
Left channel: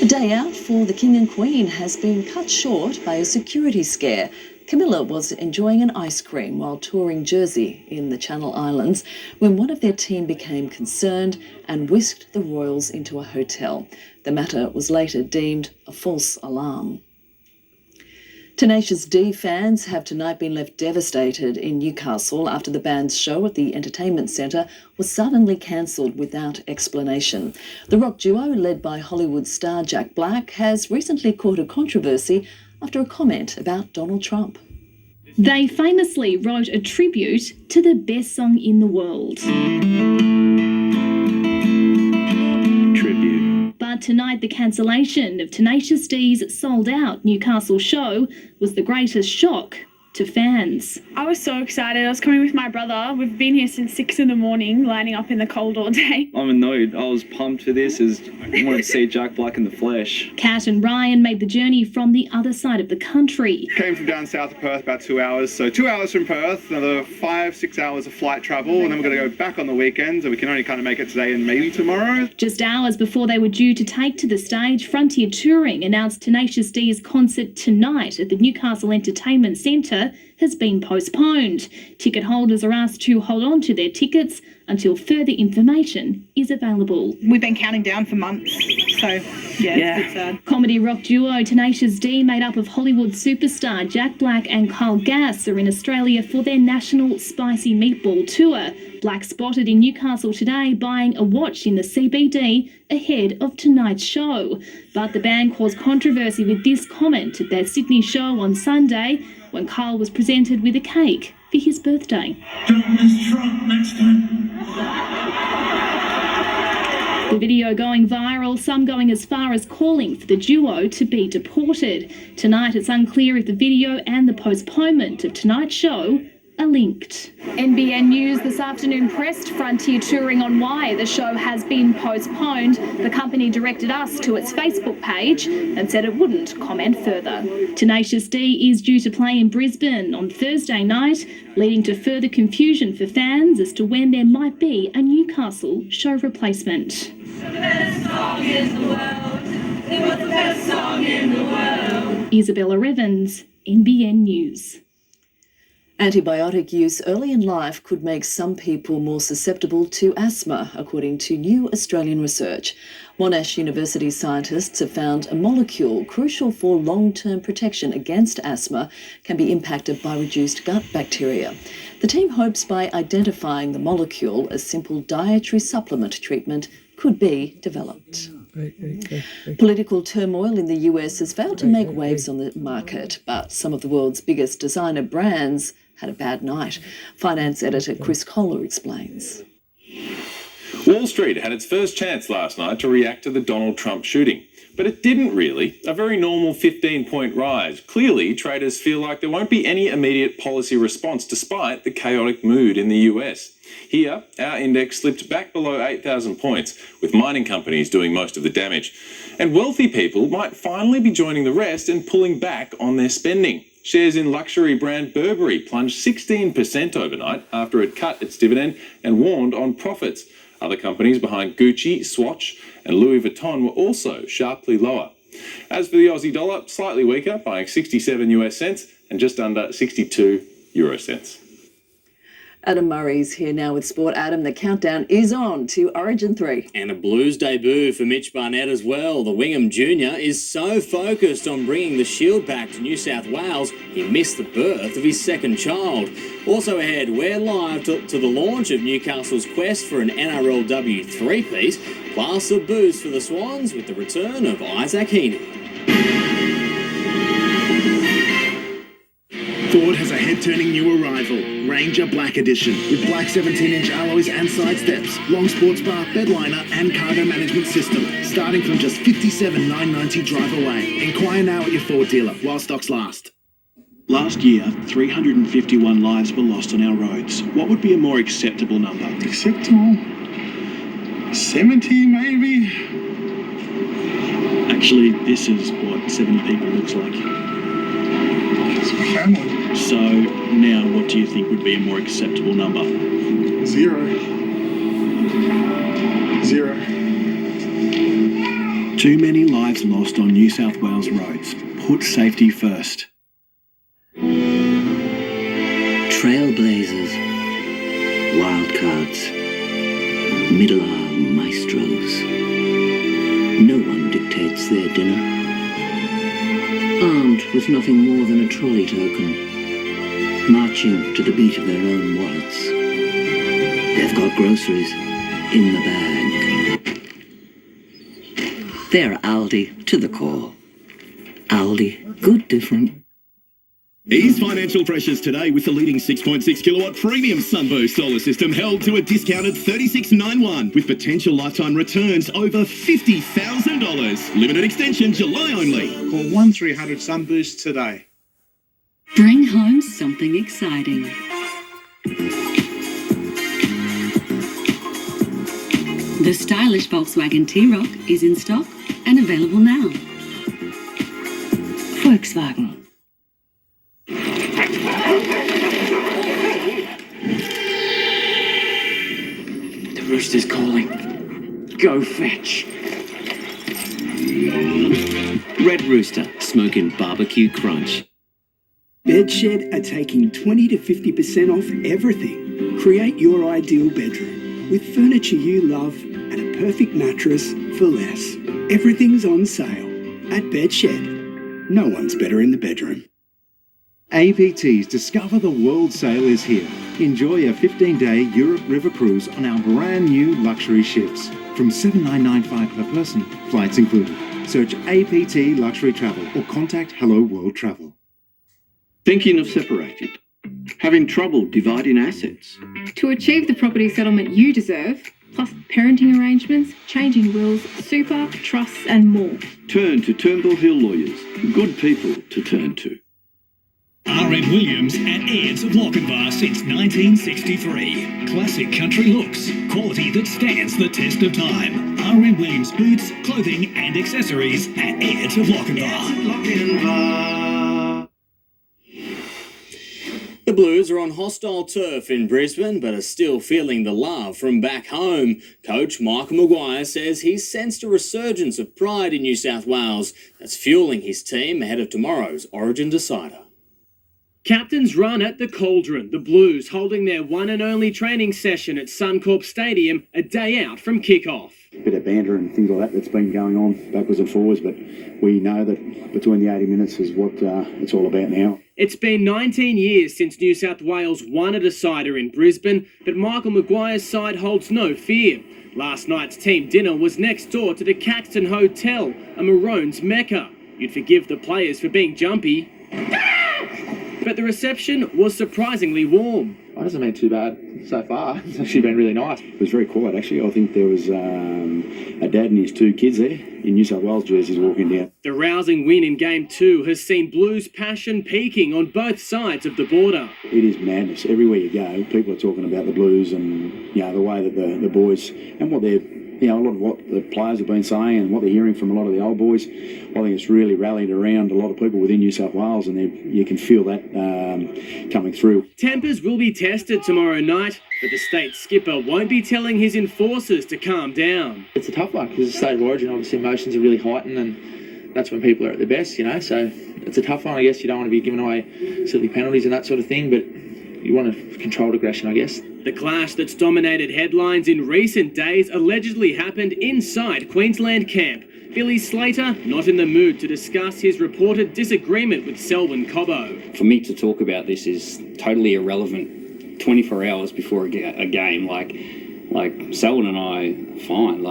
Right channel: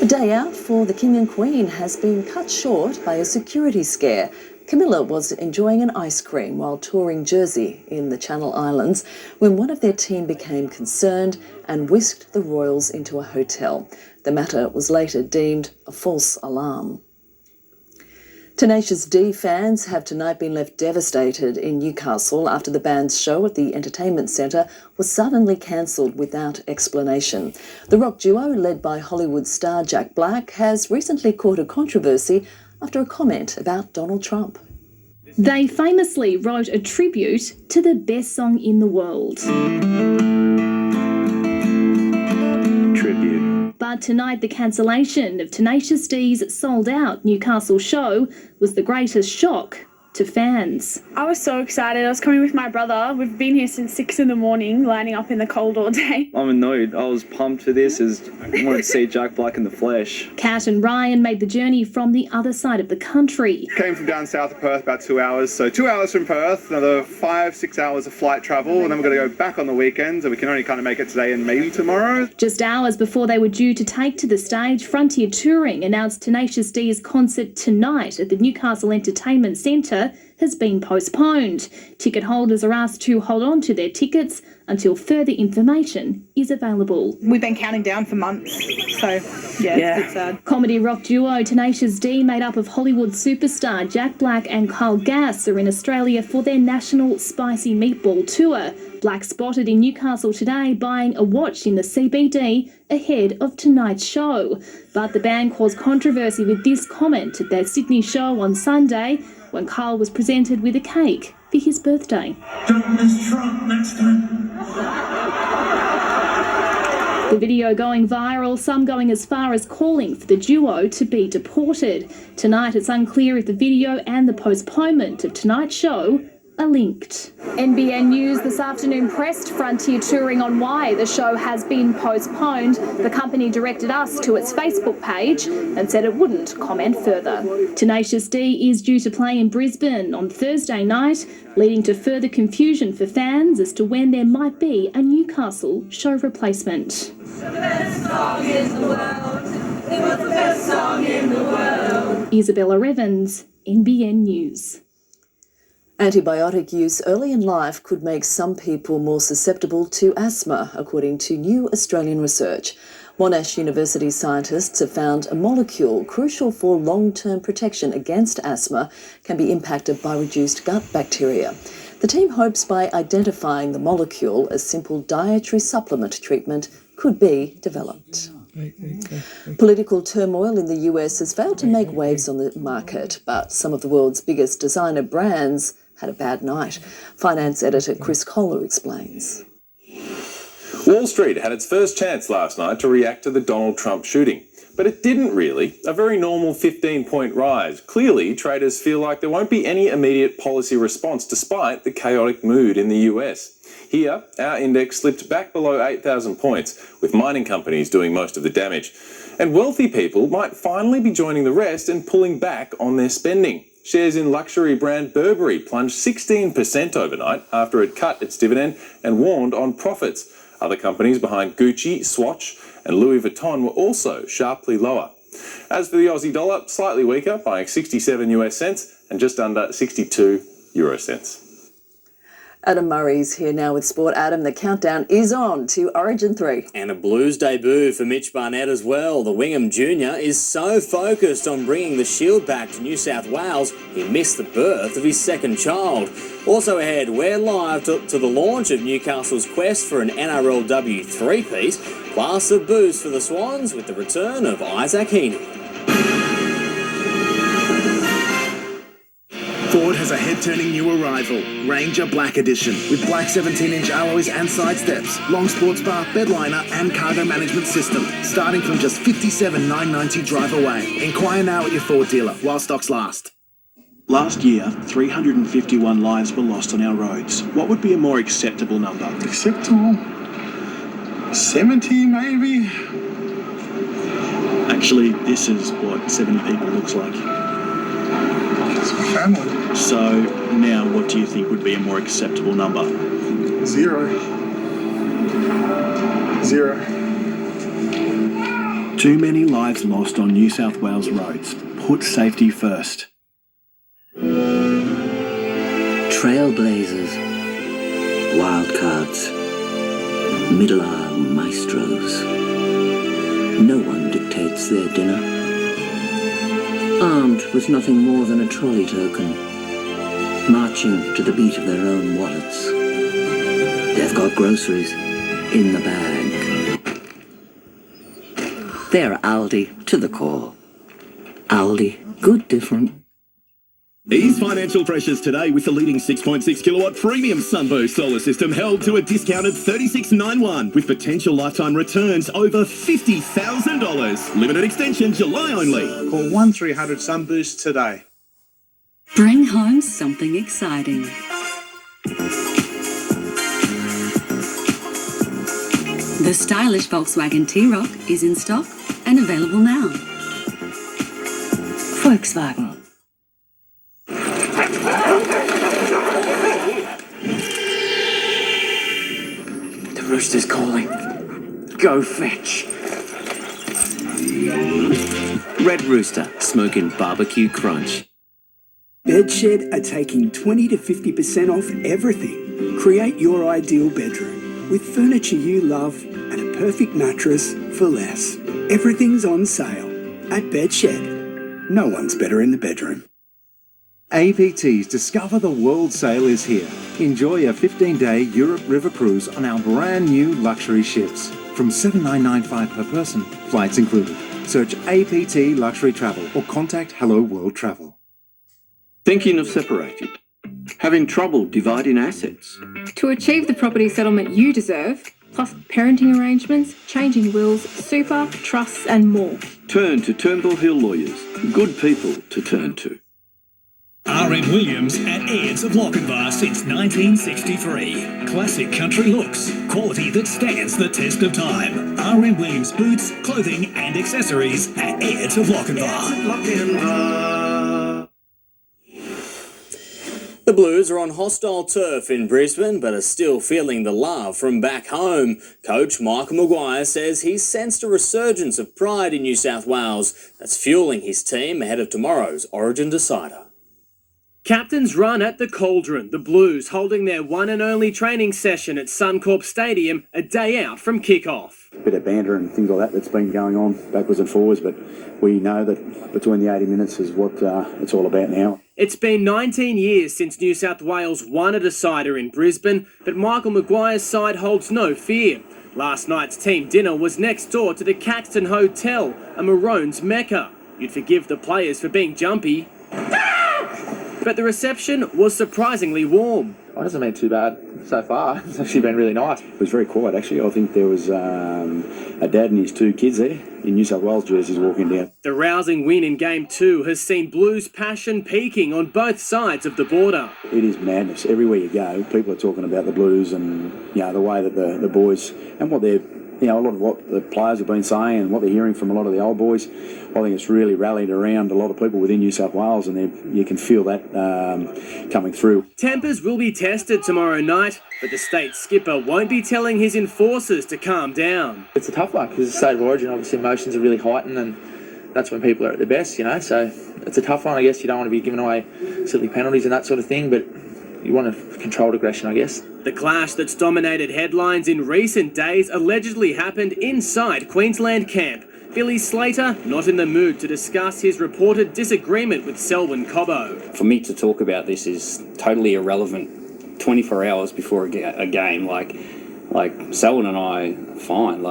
A day out for the King and Queen has been cut short by a security scare. Camilla was enjoying an ice cream while touring Jersey in the Channel Islands when one of their team became concerned and whisked the royals into a hotel. The matter was later deemed a false alarm. Tenacious D fans have tonight been left devastated in Newcastle after the band's show at the Entertainment Centre was suddenly cancelled without explanation. The rock duo, led by Hollywood star Jack Black, has recently caught a controversy after a comment about Donald Trump. They famously wrote a tribute to the best song in the world. Tribute. But tonight, the cancellation of Tenacious D's sold-out Newcastle show was the greatest shock to fans. I was so excited. I was coming with my brother. We've been here since 6 in the morning, lining up in the cold all day. I'm annoyed. I was pumped for this as I wanted to see Jack Black in the flesh. Kat and Ryan made the journey from the other side of the country. Came from down south of Perth, about 2 hours. So 2 hours from Perth, another 5-6 hours of flight travel, and then we're going to go back on the weekend, so we can only kind of make it today and maybe tomorrow. Just hours before they were due to take to the stage, Frontier Touring announced Tenacious D's concert tonight at the Newcastle Entertainment Centre has been postponed. Ticket holders are asked to hold on to their tickets until further information is available. We've been counting down for months, so yeah. It's sad. Comedy rock duo Tenacious D, made up of Hollywood superstar Jack Black and Kyle Gass, are in Australia for their national Spicy Meatball tour. Black spotted in Newcastle today buying a watch in the CBD ahead of tonight's show. But the band caused controversy with this comment at their Sydney show on Sunday, when Kyle was presented with a cake for his birthday. Don't miss Trump next time. The video going viral, some going as far as calling for the duo to be deported. Tonight it's unclear if the video and the postponement of tonight's show are linked. NBN News this afternoon pressed Frontier Touring on why the show has been postponed. The company directed us to its Facebook page and said it wouldn't comment further. Tenacious D is due to play in Brisbane on Thursday night, leading to further confusion for fans as to when there might be a Newcastle show replacement. The best song in the world. It was the best song in the world. Isabella Evans, NBN News. Antibiotic use early in life could make some people more susceptible to asthma, according to new Australian research. Monash University scientists have found a molecule crucial for long-term protection against asthma can be impacted by reduced gut bacteria. The team hopes by identifying the molecule, a simple dietary supplement treatment could be developed. Political turmoil in the US has failed to make waves on the market, but some of the world's biggest designer brands had a bad night. Finance editor Chris Kohler explains. Wall Street had its first chance last night to react to the Donald Trump shooting, but it didn't really. A very normal 15-point rise. Clearly, traders feel like there won't be any immediate policy response despite the chaotic mood in the US. Here, our index slipped back below 8,000 points, with mining companies doing most of the damage. And wealthy people might finally be joining the rest and pulling back on their spending. Shares in luxury brand Burberry plunged 16% overnight after it cut its dividend and warned on profits. Other companies behind Gucci, Swatch and Louis Vuitton were also sharply lower. As for the Aussie dollar, slightly weaker, buying 67 US cents and just under 62 euro cents. Adam Murray's here now with Sport. Adam, the countdown is on to Origin 3. And a Blues debut for Mitch Barnett as well. The Wingham Jr. is so focused on bringing the Shield back to New South Wales, he missed the birth of his second child. Also ahead, we're live to the launch of Newcastle's quest for an NRLW three-peat, plus a boost for the Swans with the return of Isaac Heaney. Ford has a head-turning new arrival, Ranger Black Edition, with black 17-inch alloys and side steps, long sports bar, bedliner and cargo management system, starting from just $57,990 drive away. Inquire now at your Ford dealer while stocks last. Last year, 351 lives were lost on our roads. What would be a more acceptable number? Acceptable? 70 maybe? Actually, this is what 70 people looks like. It's a family. So now what do you think would be a more acceptable number? 0. Too many lives lost on New South Wales roads. Put safety first. Trailblazers, wildcards, middle-hour maestros. No one dictates their dinner. Armed with nothing more than a trolley token, marching to the beat of their own wallets. They've got groceries in the bag. They're Aldi to the core. Aldi, good different. Ease financial pressures today with the leading 6.6 kilowatt premium Sunboost solar system held to a discounted $36.91 with potential lifetime returns over $50,000. Limited extension July only. Call 1300 Sunboost today. Bring home something exciting. The stylish Volkswagen T-Roc is in stock and available now. Volkswagen. The rooster's calling. Go fetch. Red Rooster, smoking barbecue crunch. Bedshed are taking 20 to 50% off everything. Create your ideal bedroom with furniture you love and a perfect mattress for less. Everything's on sale at Bedshed. No one's better in the bedroom. APT's Discover the World sale is here. Enjoy a 15-day Europe River cruise on our brand new luxury ships. From $7,995 per person, flights included. Search APT Luxury Travel or contact Hello World Travel. Thinking of separating? Having trouble dividing assets? To achieve the property settlement you deserve, plus parenting arrangements, changing wills, super, trusts and more. Turn to Turnbull Hill Lawyers. Good people to turn to. R.M. Williams at Ayres of Lochinvar since 1963. Classic country looks, quality that stands the test of time. R.M. Williams boots, clothing and accessories at Ayres of Lochinvar. The Blues are on hostile turf in Brisbane, but are still feeling the love from back home. Coach Michael Maguire says he's sensed a resurgence of pride in New South Wales that's fueling his team ahead of tomorrow's Origin decider. Captain's run at the Cauldron, the Blues holding their one and only training session at Suncorp Stadium a day out from kick-off. A bit of banter and things like that that's been going on backwards and forwards, but we know that between the 80 minutes is what it's all about now. It's been 19 years since New South Wales won a decider in Brisbane, but Michael Maguire's side holds no fear. Last night's team dinner was next door to the Caxton Hotel, a Maroons mecca. You'd forgive the players for being jumpy. But the reception was surprisingly warm. It hasn't been too bad so far. It's actually been really nice. It was very quiet, actually. I think there was a dad and his two kids there in New South Wales jerseys walking down. The rousing win in Game 2 has seen Blues passion peaking on both sides of the border. It is madness. Everywhere you go, people are talking about the Blues and the way that the boys and what they're, a lot of what the players have been saying and what they're hearing from a lot of the old boys. I think it's really rallied around a lot of people within New South Wales, and you can feel that coming through. Tempers will be tested tomorrow night, but the state skipper won't be telling his enforcers to calm down. It's a tough one because the state of origin, obviously emotions are really heightened, and that's when people are at their best, so it's a tough one. I guess you don't want to be giving away silly penalties and that sort of thing, but you want a controlled aggression, I guess. The clash that's dominated headlines in recent days allegedly happened inside Queensland camp. Billy Slater not in the mood to discuss his reported disagreement with Selwyn Cobbo. For me to talk about this is totally irrelevant 24 hours before a game. Like Selwyn and I are fine.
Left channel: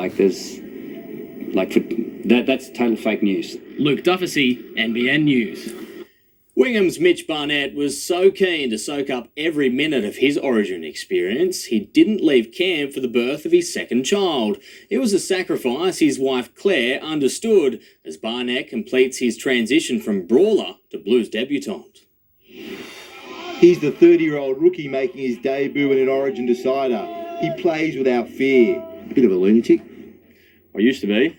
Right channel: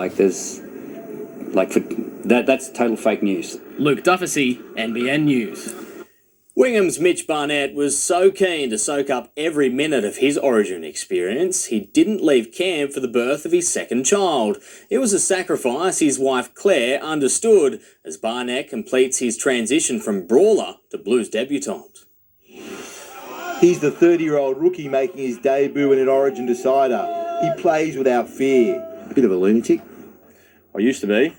That's total fake news. Luke Duffy, NBN News. Wingham's Mitch Barnett was so keen to soak up every minute of his Origin experience, he didn't leave camp for the birth of his second child. It was a sacrifice his wife Claire understood as Barnett completes his transition from brawler to Blues debutant. He's the 30-year-old rookie making his debut in an Origin decider. He plays without fear. A bit of a lunatic. I used to be.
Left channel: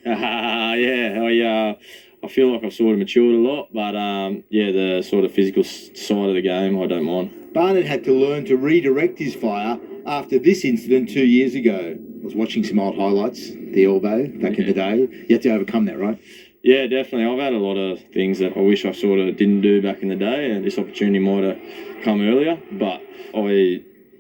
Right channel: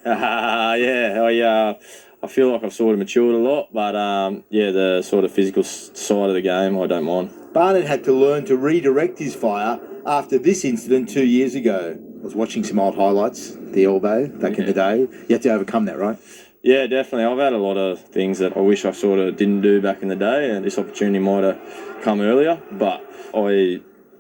I feel like I've sort of matured a lot, but the sort of physical side of the game, I don't mind. Barnett had to learn to redirect his fire after this incident 2 years ago. I was watching some old highlights, the elbow back in the day. You had to overcome that, right? Yeah, definitely. I've had a lot of things that I wish I sort of didn't do back in the day, and this opportunity might have come earlier, but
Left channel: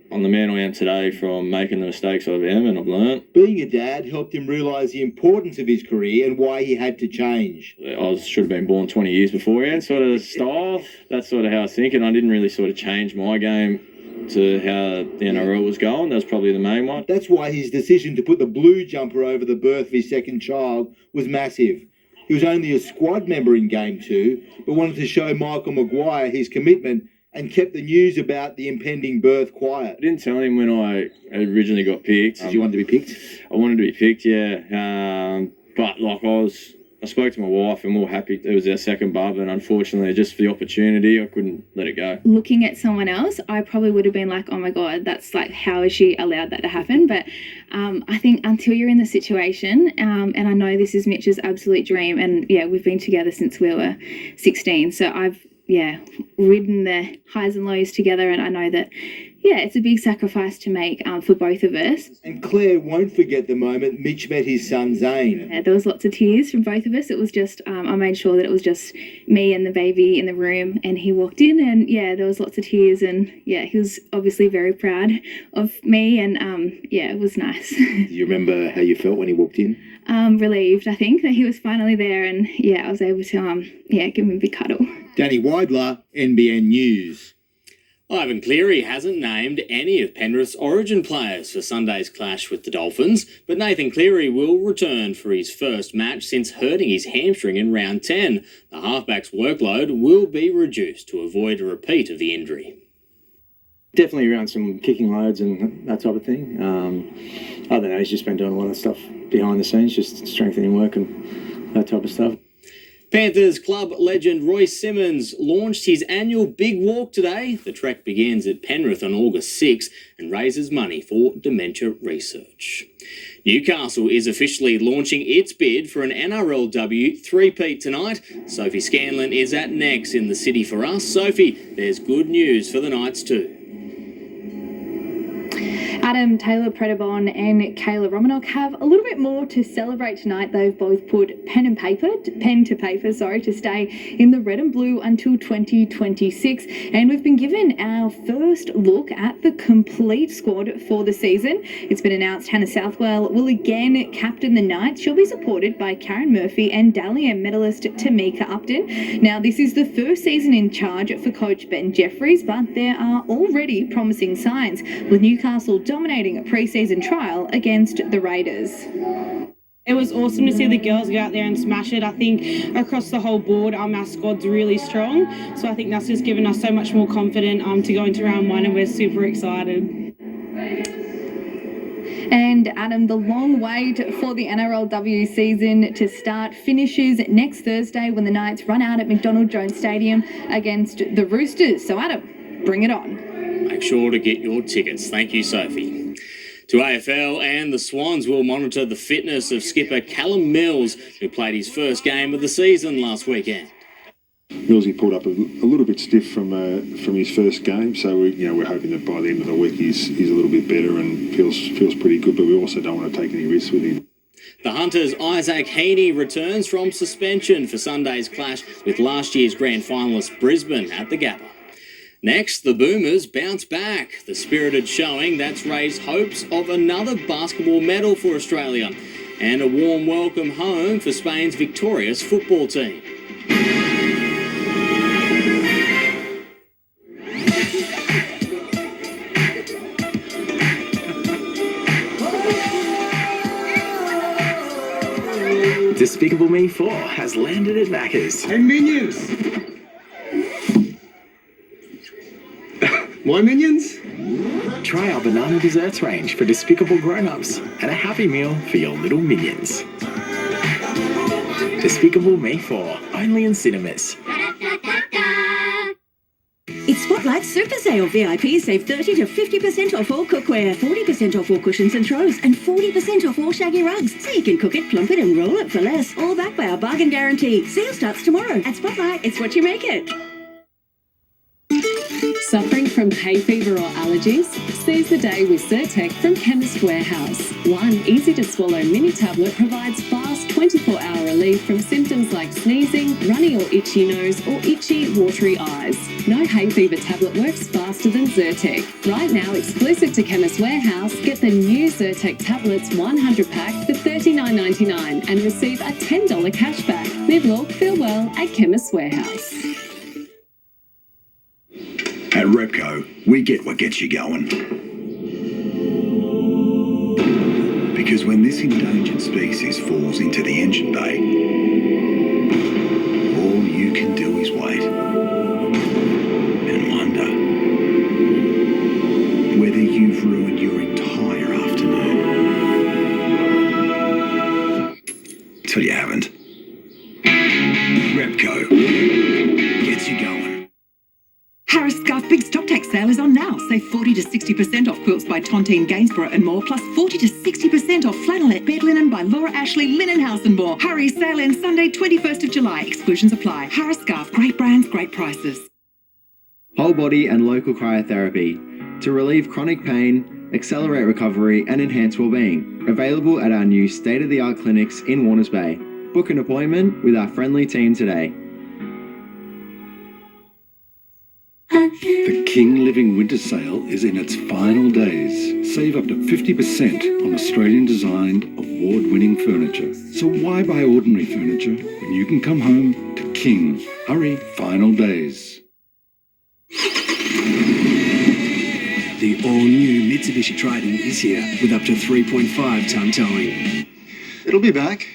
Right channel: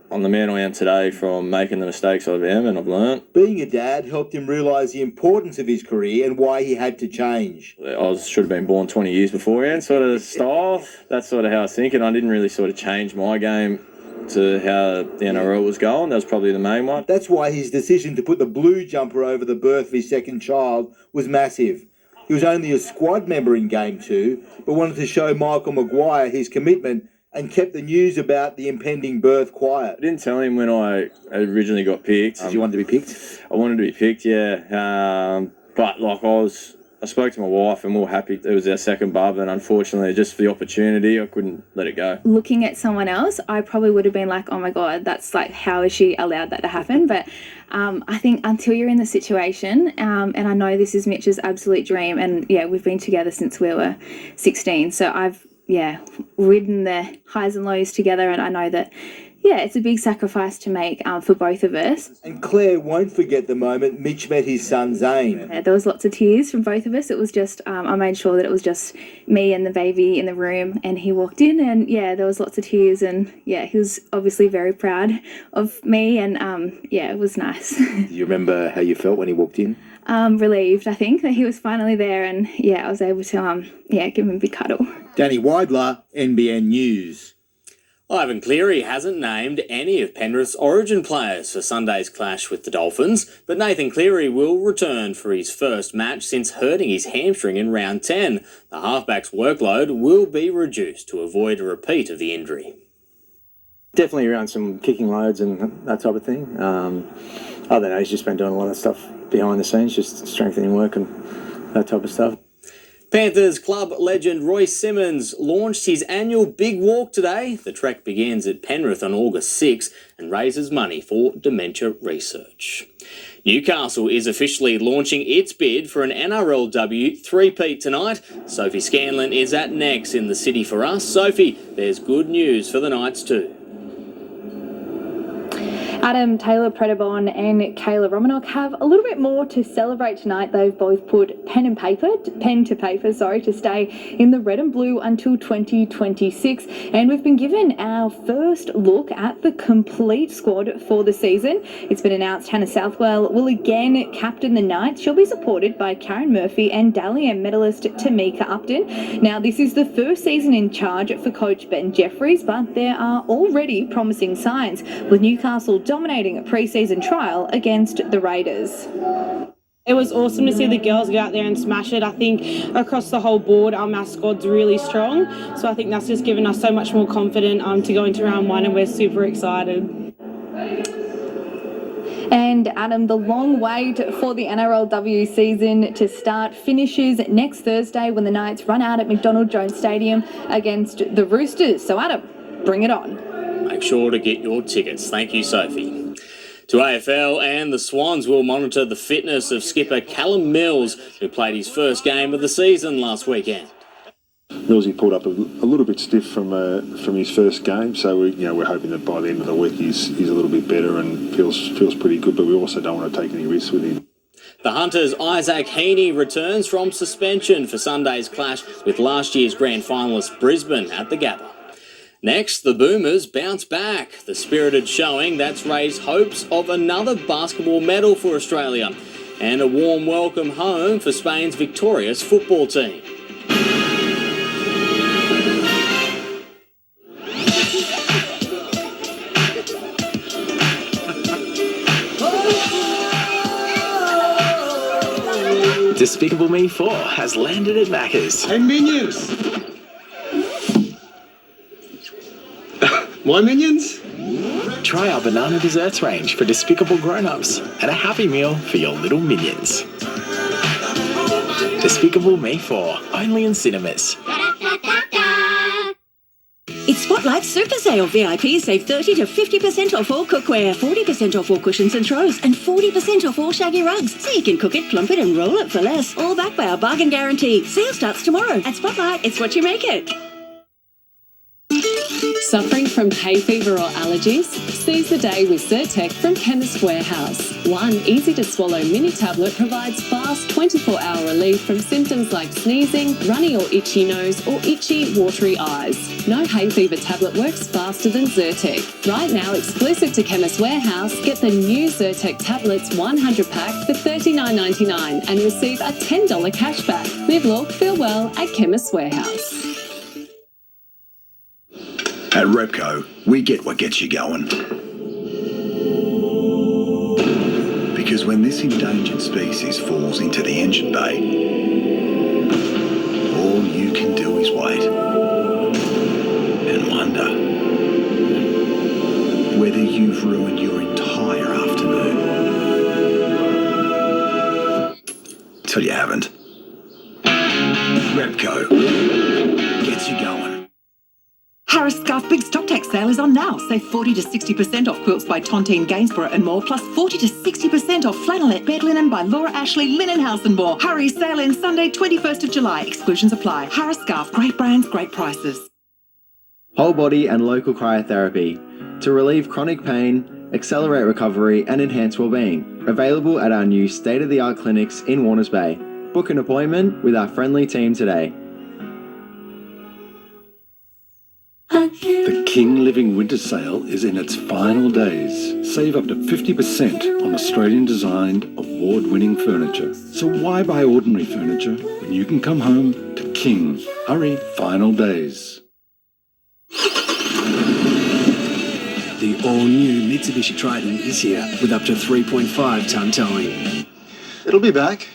I'm the man I am today from making the mistakes I am, and I've learnt. Being a dad helped him realise the importance of his career and why he had to change. I should have been born 20 years beforehand, sort of style. That's sort of how I was thinking. I didn't really sort of change my game to how the NRL was going. That was probably the main one. That's why his decision to put the blue jumper over the birth of his second child was massive. he was only a squad member in Game 2, but wanted to show Michael Maguire his commitment and kept the news about the impending birth quiet. I didn't tell him when I originally got picked. Did you want to be picked? I wanted to be picked, yeah. But like I spoke to my wife and we were happy. It was our second bub, and unfortunately, just for the opportunity, I couldn't let it go. Looking at someone else, I probably would have been like, oh my God, that's like, how is she allowed that to happen? But I think until you're in the situation, and I know this is Mitch's absolute dream, and yeah, we've been together since we were 16. So I've, ridden the highs and lows together, and I know that, it's a big sacrifice to make for both of us. And Claire won't forget the moment Mitch met his son Zane. Yeah, there was lots of tears from both of us. It was just, I made sure that it was just me and the baby in the room, and he walked in, and there was lots of tears, and he was obviously very proud of me, and it was nice. Do you remember how you felt when he walked in? Relieved, I think, that he was finally there, and I was able to give him a big cuddle. Danny Weidler, NBN News. Ivan Cleary hasn't named any of Penrith's origin players for Sunday's clash with the Dolphins, but Nathan Cleary will return for his first match since hurting his hamstring in round 10. The halfback's workload will be reduced to avoid a repeat of the injury. Definitely around some kicking loads and that type of thing. I don't know, he's just been doing a lot of stuff behind the scenes, just strengthening work and that type of stuff. Panthers club legend Royce Simmons launched his annual Big Walk today. The trek begins at Penrith on August 6 and raises money for dementia research. Newcastle is officially launching its bid for an NRLW three-peat tonight. Sophie Scanlon is at Next in the city for us. Sophie, there's good news for the Knights too. Adam Taylor Predabon and Kayla Romanok have a little bit more to celebrate tonight. They've both put pen to paper to stay in the red and blue until 2026. And we've been given our first look at the complete squad for the season. It's been announced Hannah Southwell will again captain the Knights. She'll be supported by Karen Murphy and Dally M medalist Tamika Upton. Now, this is the first season in charge for coach Ben Jeffries, but there are already promising signs, with Newcastle dominating a pre-season trial against the Raiders. It was awesome to see the girls go out there and smash it. I think across the whole board, our squad's really strong. So I think that's just given us so much more confidence to go into round one, and we're super excited. And Adam, the long wait for the NRLW season to start finishes next Thursday when the Knights run out at McDonald Jones Stadium against the Roosters. So Adam, bring it on. Make sure to get your tickets. Thank you, Sophie. To AFL, and the Swans will monitor the fitness of skipper Callum Mills, who played his first game of the season last weekend. Millsy pulled up a little bit stiff from his first game, so we're hoping that by the end of the week he's a little bit better and feels pretty good. But we also don't want to take any risks with him. The Hunters' Isaac Heaney returns from suspension for Sunday's clash with last year's grand finalist Brisbane at the Gabba. Next, the Boomers bounce back. The spirited showing that's raised hopes of another basketball medal for Australia and a warm welcome home for Spain's victorious football team. Despicable Me 4 has landed at Macca's. Hey, Minions! My Minions? Try our banana desserts range for despicable grown-ups and a Happy Meal for your little minions. Despicable Me 4, only in cinemas. It's Spotlight Super Sale. VIPs save 30 to 50% off all cookware, 40% off all cushions and throws, and 40% off all shaggy rugs. So you can cook it, plump it and roll it for less. All backed by our bargain guarantee. Sale starts tomorrow. At Spotlight, it's what you make it. Suffering from hay fever or allergies? Seize the day with Zyrtec from Chemist Warehouse. One easy-to-swallow mini tablet provides fast 24-hour relief from symptoms like sneezing, runny or itchy nose, or itchy, watery eyes. No hay fever tablet works faster than Zyrtec. Right now, exclusive to Chemist Warehouse, get the new Zyrtec tablets 100-pack for $39.99 and receive a $10 cashback. Live, look, feel well at Chemist Warehouse. At Repco, we get what gets you going. Because when this endangered species falls into the engine bay, can do is wait and wonder whether you've ruined your entire afternoon. Till you haven't. Repco gets you going. Harris Scarf Big Stock Take Sale is on now. Save 40 to 60% off quilts by Tontine Gainsborough and more, plus 40 to 60% off flannelette bed linen by Laura Ashley Linen House and more. Hurry, sale ends Sunday 21st of July. Exclusions apply. Harris Scarf, great brands, great prices. Whole body and local cryotherapy to relieve chronic pain, accelerate recovery and enhance well-being. Available at our new state-of-the-art clinics in Warners Bay. Book an appointment with our friendly team today. The King Living Winter Sale is in its final days. Save up to 50% on Australian-designed, award-winning furniture. So why buy ordinary furniture when you can come home to King? Hurry, final days. The all-new Mitsubishi Triton is here with up to 3.5 tonne towing. It'll be back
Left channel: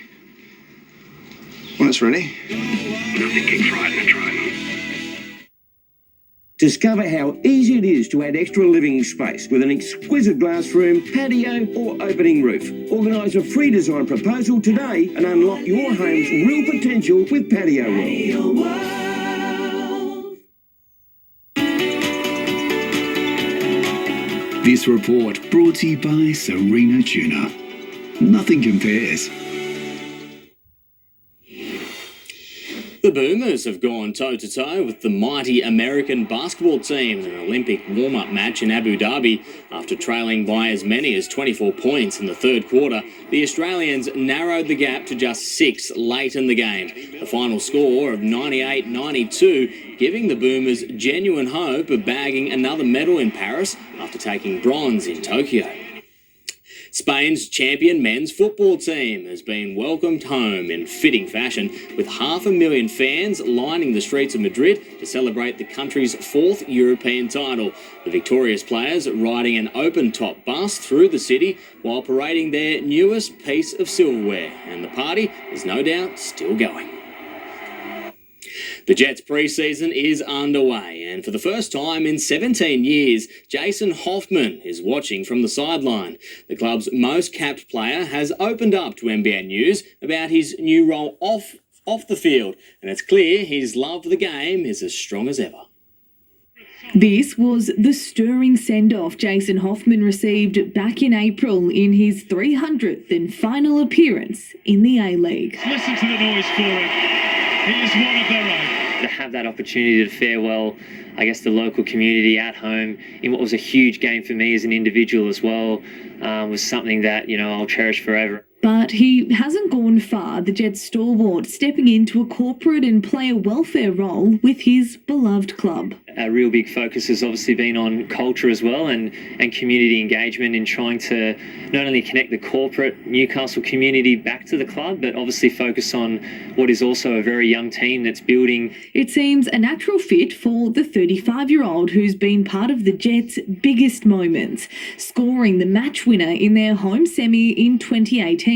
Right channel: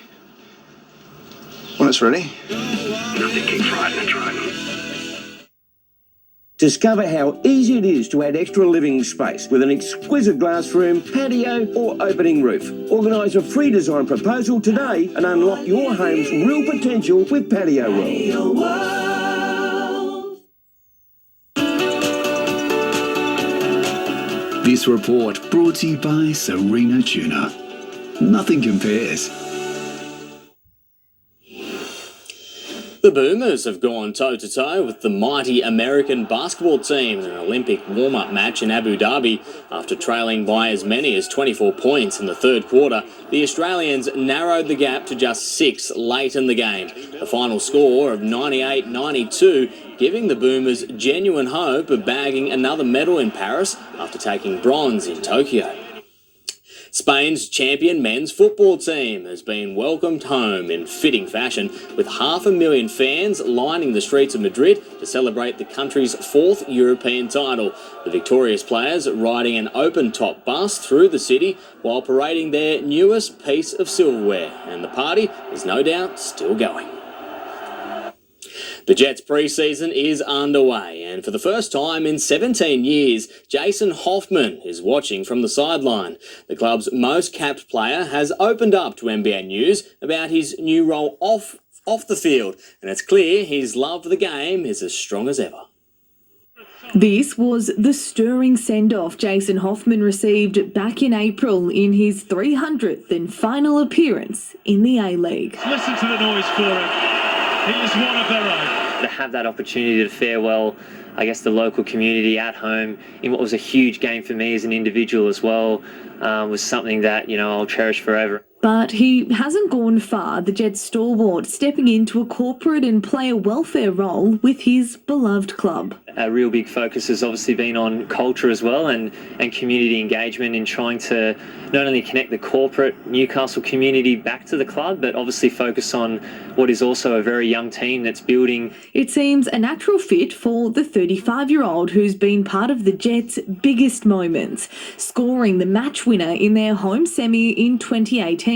when it's ready. Nothing keeps riding a Triton. Discover how easy it is to add extra living space with an exquisite glass room, patio or opening roof. Organise a free design proposal today and unlock your home's real potential with Patio World. This report brought to you by Serena Tuna. Nothing compares. The Boomers have gone toe-to-toe with the mighty American basketball team in an Olympic warm-up match in Abu Dhabi. After trailing by as many as 24 points in the third quarter, the Australians narrowed the gap to just 6 late in the game. The final score of 98-92, giving the Boomers genuine hope of bagging another medal in Paris after taking bronze in Tokyo. Spain's champion men's football team has been welcomed home in fitting fashion, with 500,000 fans lining the streets of Madrid to celebrate the country's 4th European title. The victorious players riding an open-top bus through the city while parading their newest piece of silverware, and the party is no doubt still going. The Jets' pre-season is underway, and for the first time in 17 years, Jason Hoffman is watching from the sideline. The club's most capped player has opened up to NBN News about his new role off the field, and it's clear his love for the game is as strong as ever. This was the stirring send-off Jason Hoffman received back in April in his 300th and final appearance in the A-League. Listen to the noise for him. He is one of their own. To have that opportunity to farewell, I guess, the local community at home in what was a huge game for me as an individual as well, was something that, I'll cherish forever. But he hasn't gone far, the Jets stalwart stepping into a corporate and player welfare role with his beloved club. A real big focus has obviously been on culture as well and community engagement in trying to not only connect the corporate Newcastle community back to the club, but obviously focus on what is also a very young team that's building. It seems a natural fit for the 35-year-old who's been part of the Jets' biggest moments, scoring the match winner in their home semi in 2018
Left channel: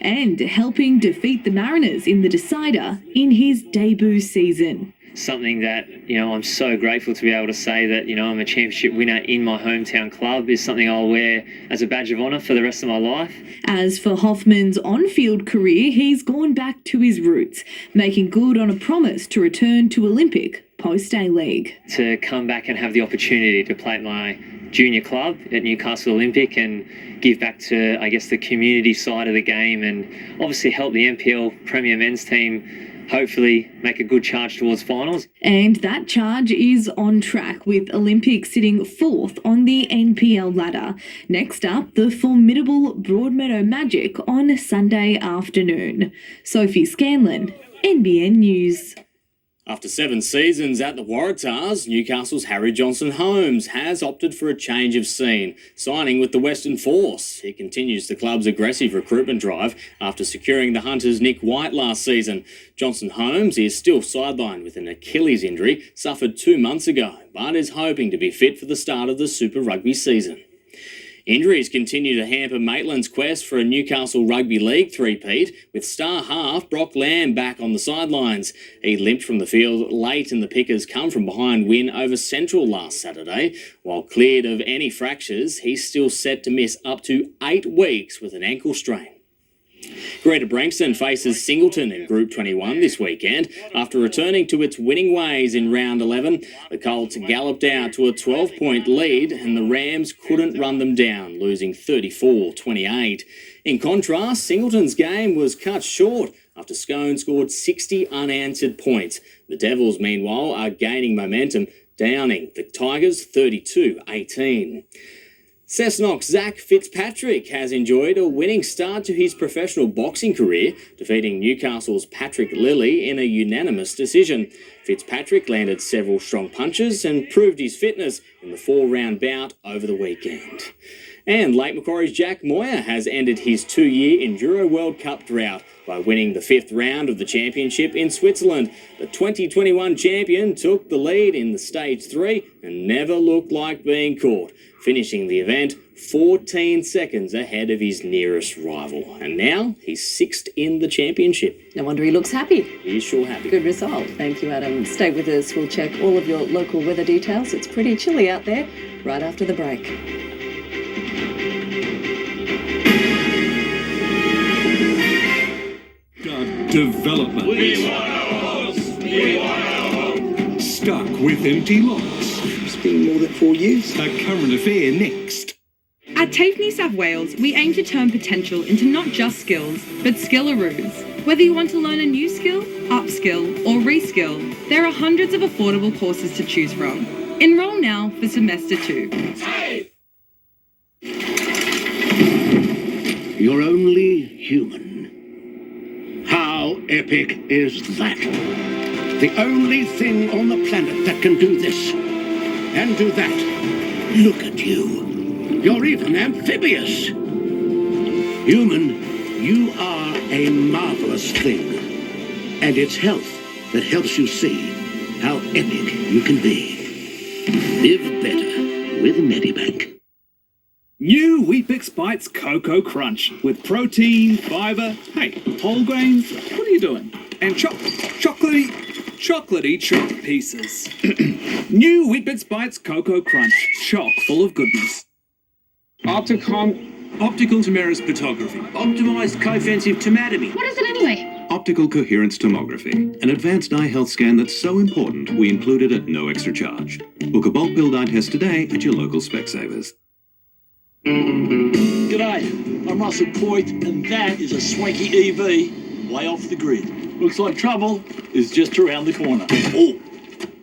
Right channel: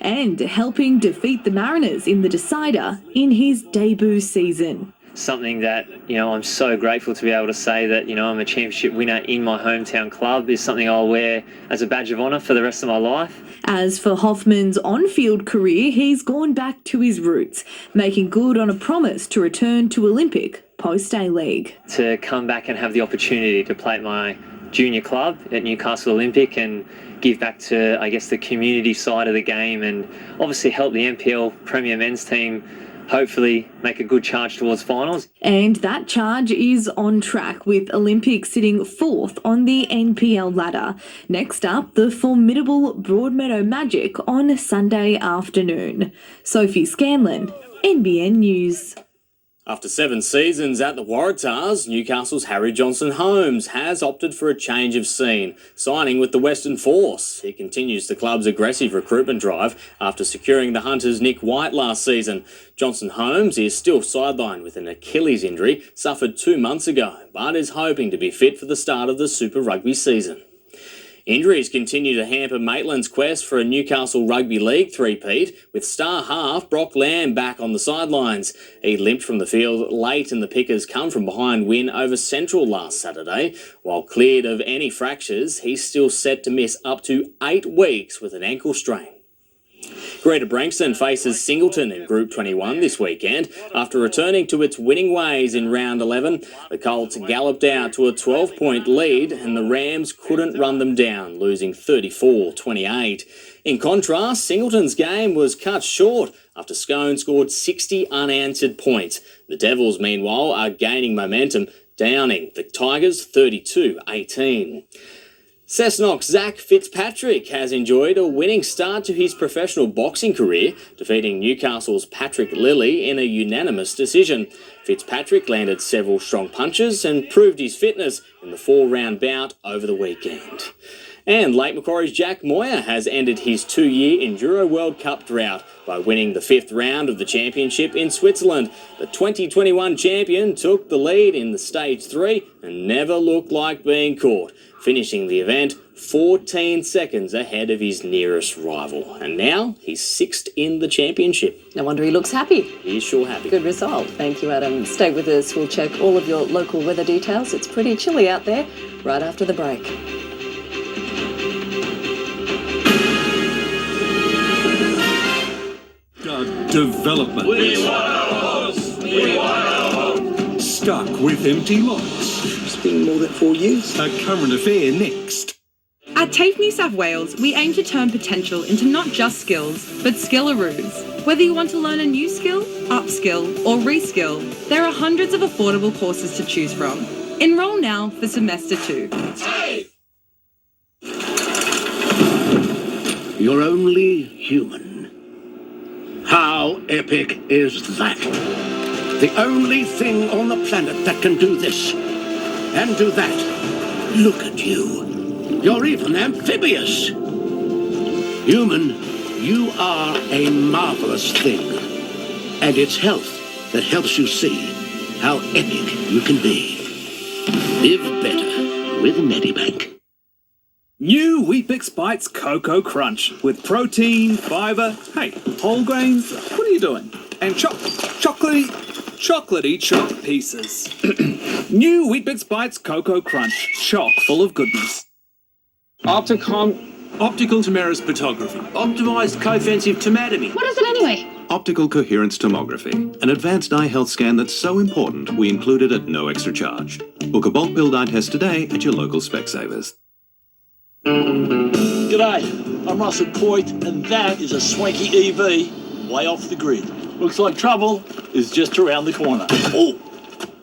and helping defeat the Mariners in the decider in his debut season. Something that, I'm so grateful to be able to say that, I'm a championship winner in my hometown club is something I'll wear as a badge of honour for the rest of my life. As for Hoffman's on-field career, he's gone back to his roots, making good on a promise to return to Olympic post-A-League. To come back and have the opportunity to play at my junior club at Newcastle Olympic and give back to, I guess, the community side of the game and obviously help the NPL Premier Men's team hopefully make a good charge towards finals. And that charge is on track, with Olympic sitting 4th on the NPL ladder. Next up, the formidable Broadmeadow Magic on Sunday afternoon. Sophie Scanlon, NBN News. After 7 seasons at the Waratahs, Newcastle's Harry Johnson-Holmes has opted for a change of scene, signing with the Western Force. He continues the club's aggressive recruitment drive after securing the Hunters' Nick White last season. Johnson-Holmes is still sidelined with an Achilles injury suffered 2 months ago, but is hoping to be fit for the start of the Super Rugby season. Injuries continue to hamper Maitland's quest for a Newcastle Rugby League three-peat, with star half Brock Lamb back on the sidelines. He limped from the field late in the Pickers' come-from-behind win over Central last Saturday. While cleared of any fractures, he's still set to miss up to 8 weeks with an ankle strain. Greater Branxton faces Singleton in Group 21 this weekend. After returning to its winning ways in round 11, the Colts galloped out to a 12-point lead and the Rams couldn't run them down, losing 34-28. In contrast, Singleton's game was cut short after Scone scored 60 unanswered points. The Devils, meanwhile, are gaining momentum, downing the Tigers 32-18. Cessnock's Zach Fitzpatrick has enjoyed a winning start to his professional boxing career, defeating Newcastle's Patrick Lilly in a unanimous decision. Fitzpatrick landed several strong punches and proved his fitness in the 4-round bout over the weekend. And Lake Macquarie's Jack Moyer has ended his 2-year Enduro World Cup drought by winning the 5th round of the championship in Switzerland. The 2021 champion took the lead in the Stage 3 and never looked like being caught, finishing the event 14 seconds ahead of his nearest rival. And now he's 6th in the championship. No wonder he looks happy. He's sure happy. Good result. Thank you, Adam. Stay with us. We'll check all of your local weather details. It's pretty chilly out there right after the break. Development. We want our homes. We want our homes. Stuck with empty lots. It's been more than 4 years. A current affair next. At TAFE New South Wales, we aim to turn potential into not just skills, but skillaroo. Whether you want to learn a new skill, upskill, or reskill, there are hundreds of affordable courses to choose from. Enroll now for semester 2. TAFE! You're only human. How epic is that? The only thing on the planet that can do this and do that. Look at you. You're even amphibious. Human, you are a marvelous thing. And it's health that helps you see how epic you can be. Live better with Medibank. New Weet-Bix Bites Cocoa Crunch with protein, fibre, hey, whole grains, what are you doing? And chocolatey choc pieces. New Weet-Bix Bites Cocoa Crunch, chock full of goodness. Optical Tomorrow's photography. Optimised co-offensive tomatomy. What is it anyway? Optical coherence tomography, an advanced eye health scan that's so important we include it at no extra charge. Book a bulk billed eye test today at your local Specsavers. G'day, I'm Russell Coit, and that is a swanky EV way off the grid. Looks like trouble is just around the corner. Oh,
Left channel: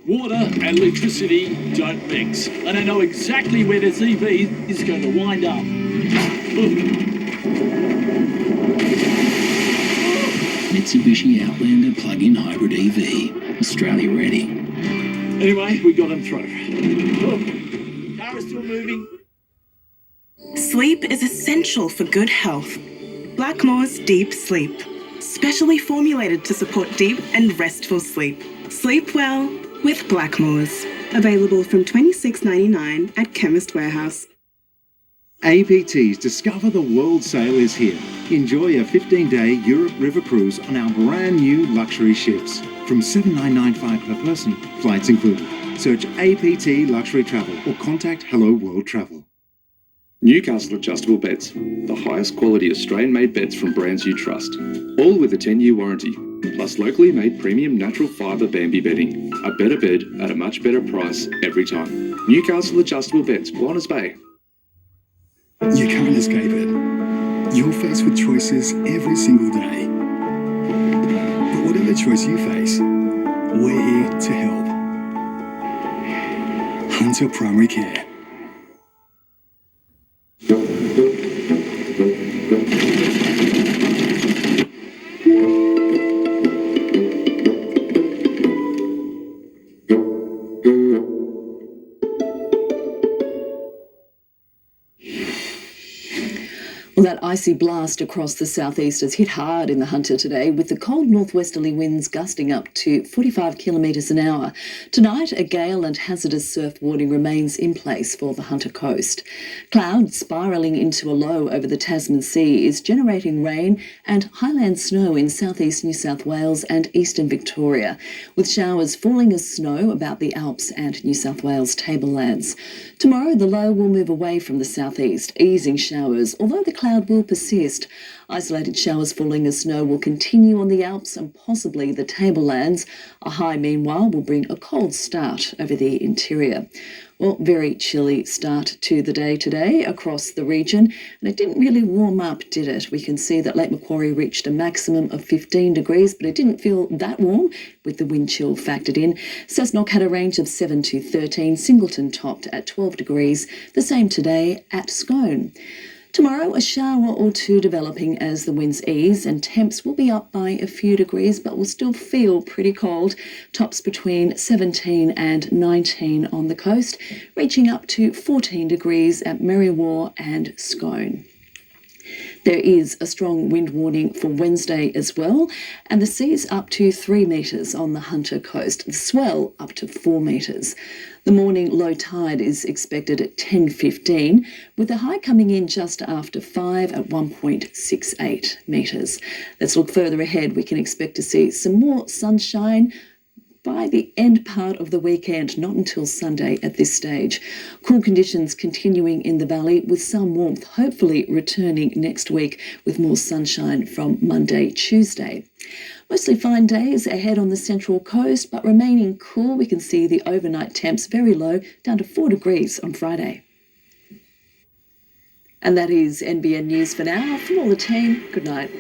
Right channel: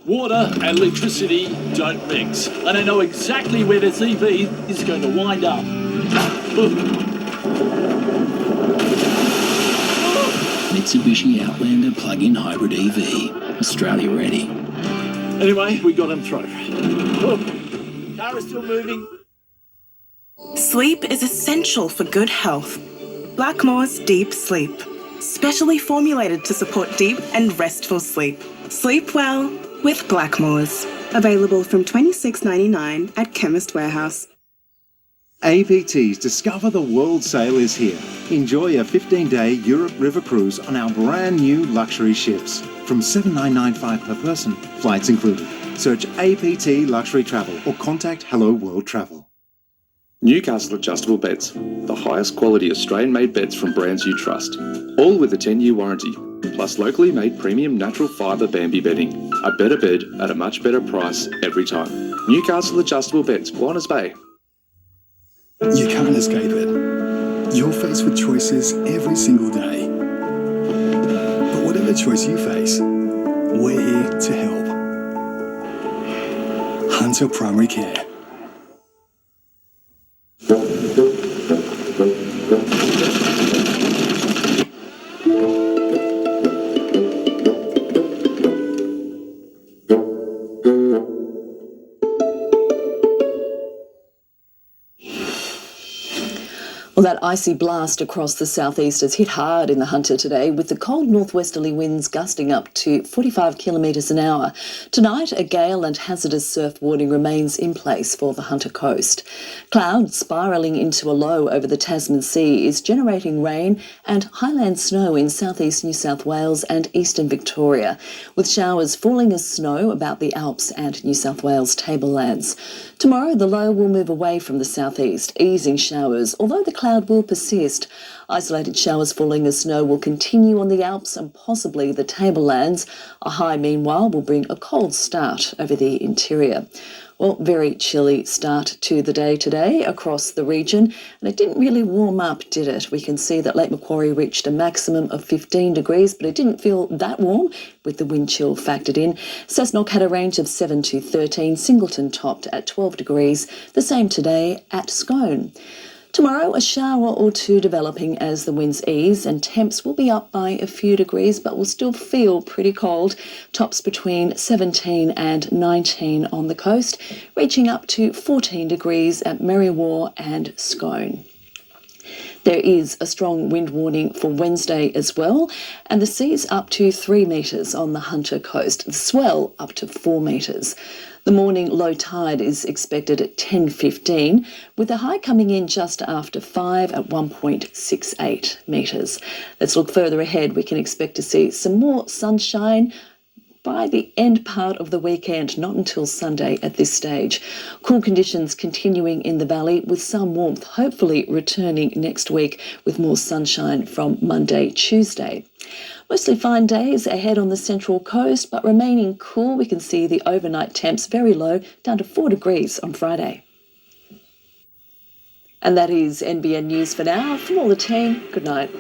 water and electricity don't mix, and I know exactly where this EV is going to wind up. Mitsubishi Outlander plug-in hybrid EV, Australia ready. Anyway, we got him through. Car is still moving. Sleep is essential for good health. Blackmore's Deep Sleep, specially formulated to support deep and restful sleep. Sleep well with Blackmore's. Available from $26.99 at Chemist Warehouse. APT's Discover the World sale is here. Enjoy a 15-day Europe River cruise on our brand new luxury ships. From $7,995 per person, flights included. Search APT Luxury Travel or contact Hello World Travel. Newcastle Adjustable Beds, the highest quality Australian-made beds from brands you trust. All with a 10-year warranty, plus locally made premium natural fibre Bambi bedding. A better bed at a much better price every time. Newcastle Adjustable Beds, Warners Bay. You can't escape it. You're faced with choices every single day. But whatever choice you face, we're here to help. Hunter Primary Care. Well, that icy blast across the southeast has hit hard in the Hunter today, with the cold northwesterly winds gusting up to 45 kilometres an hour. Tonight, a gale and hazardous surf warning remains in place for the Hunter coast. Cloud spiralling into a low over the Tasman Sea is generating rain and highland snow in southeast New South Wales and eastern Victoria, with showers falling as snow about the Alps and New South Wales tablelands. Tomorrow, the low will move away from the southeast, easing showers, although the cloud will persist. Isolated showers falling as snow will continue on the Alps and possibly the tablelands. A high, meanwhile, will bring a cold start over the interior. Well, very chilly start to the day today across the region, and it didn't really warm up, did it? We can see that Lake Macquarie reached a maximum of 15 degrees, but it didn't feel that warm with the wind chill factored in. Cessnock had a range of 7 to 13, Singleton topped at 12 degrees, the same today at Scone. Tomorrow, a shower or two developing as the winds ease, and temps will be up by a few degrees but will still feel pretty cold. Tops between 17 and 19 on the coast, reaching up to 14 degrees at Merriwa and Scone. There is a strong wind warning for Wednesday as well, and the sea's up to 3 metres on the Hunter coast, the swell up to 4 metres. The morning low tide is expected at 10:15, with the high coming in just after 5 at 1.68 metres. Let's look further ahead. We can expect to see some more sunshine by the end part of the weekend, not until Sunday at this stage. Cool conditions continuing in the valley, with some warmth hopefully returning next week with more sunshine from Monday, Tuesday. Mostly fine days ahead on the central coast, but remaining cool. We can see the overnight temps very low, down to 4 degrees on Friday. And that is NBN News for now. From all the team, good night.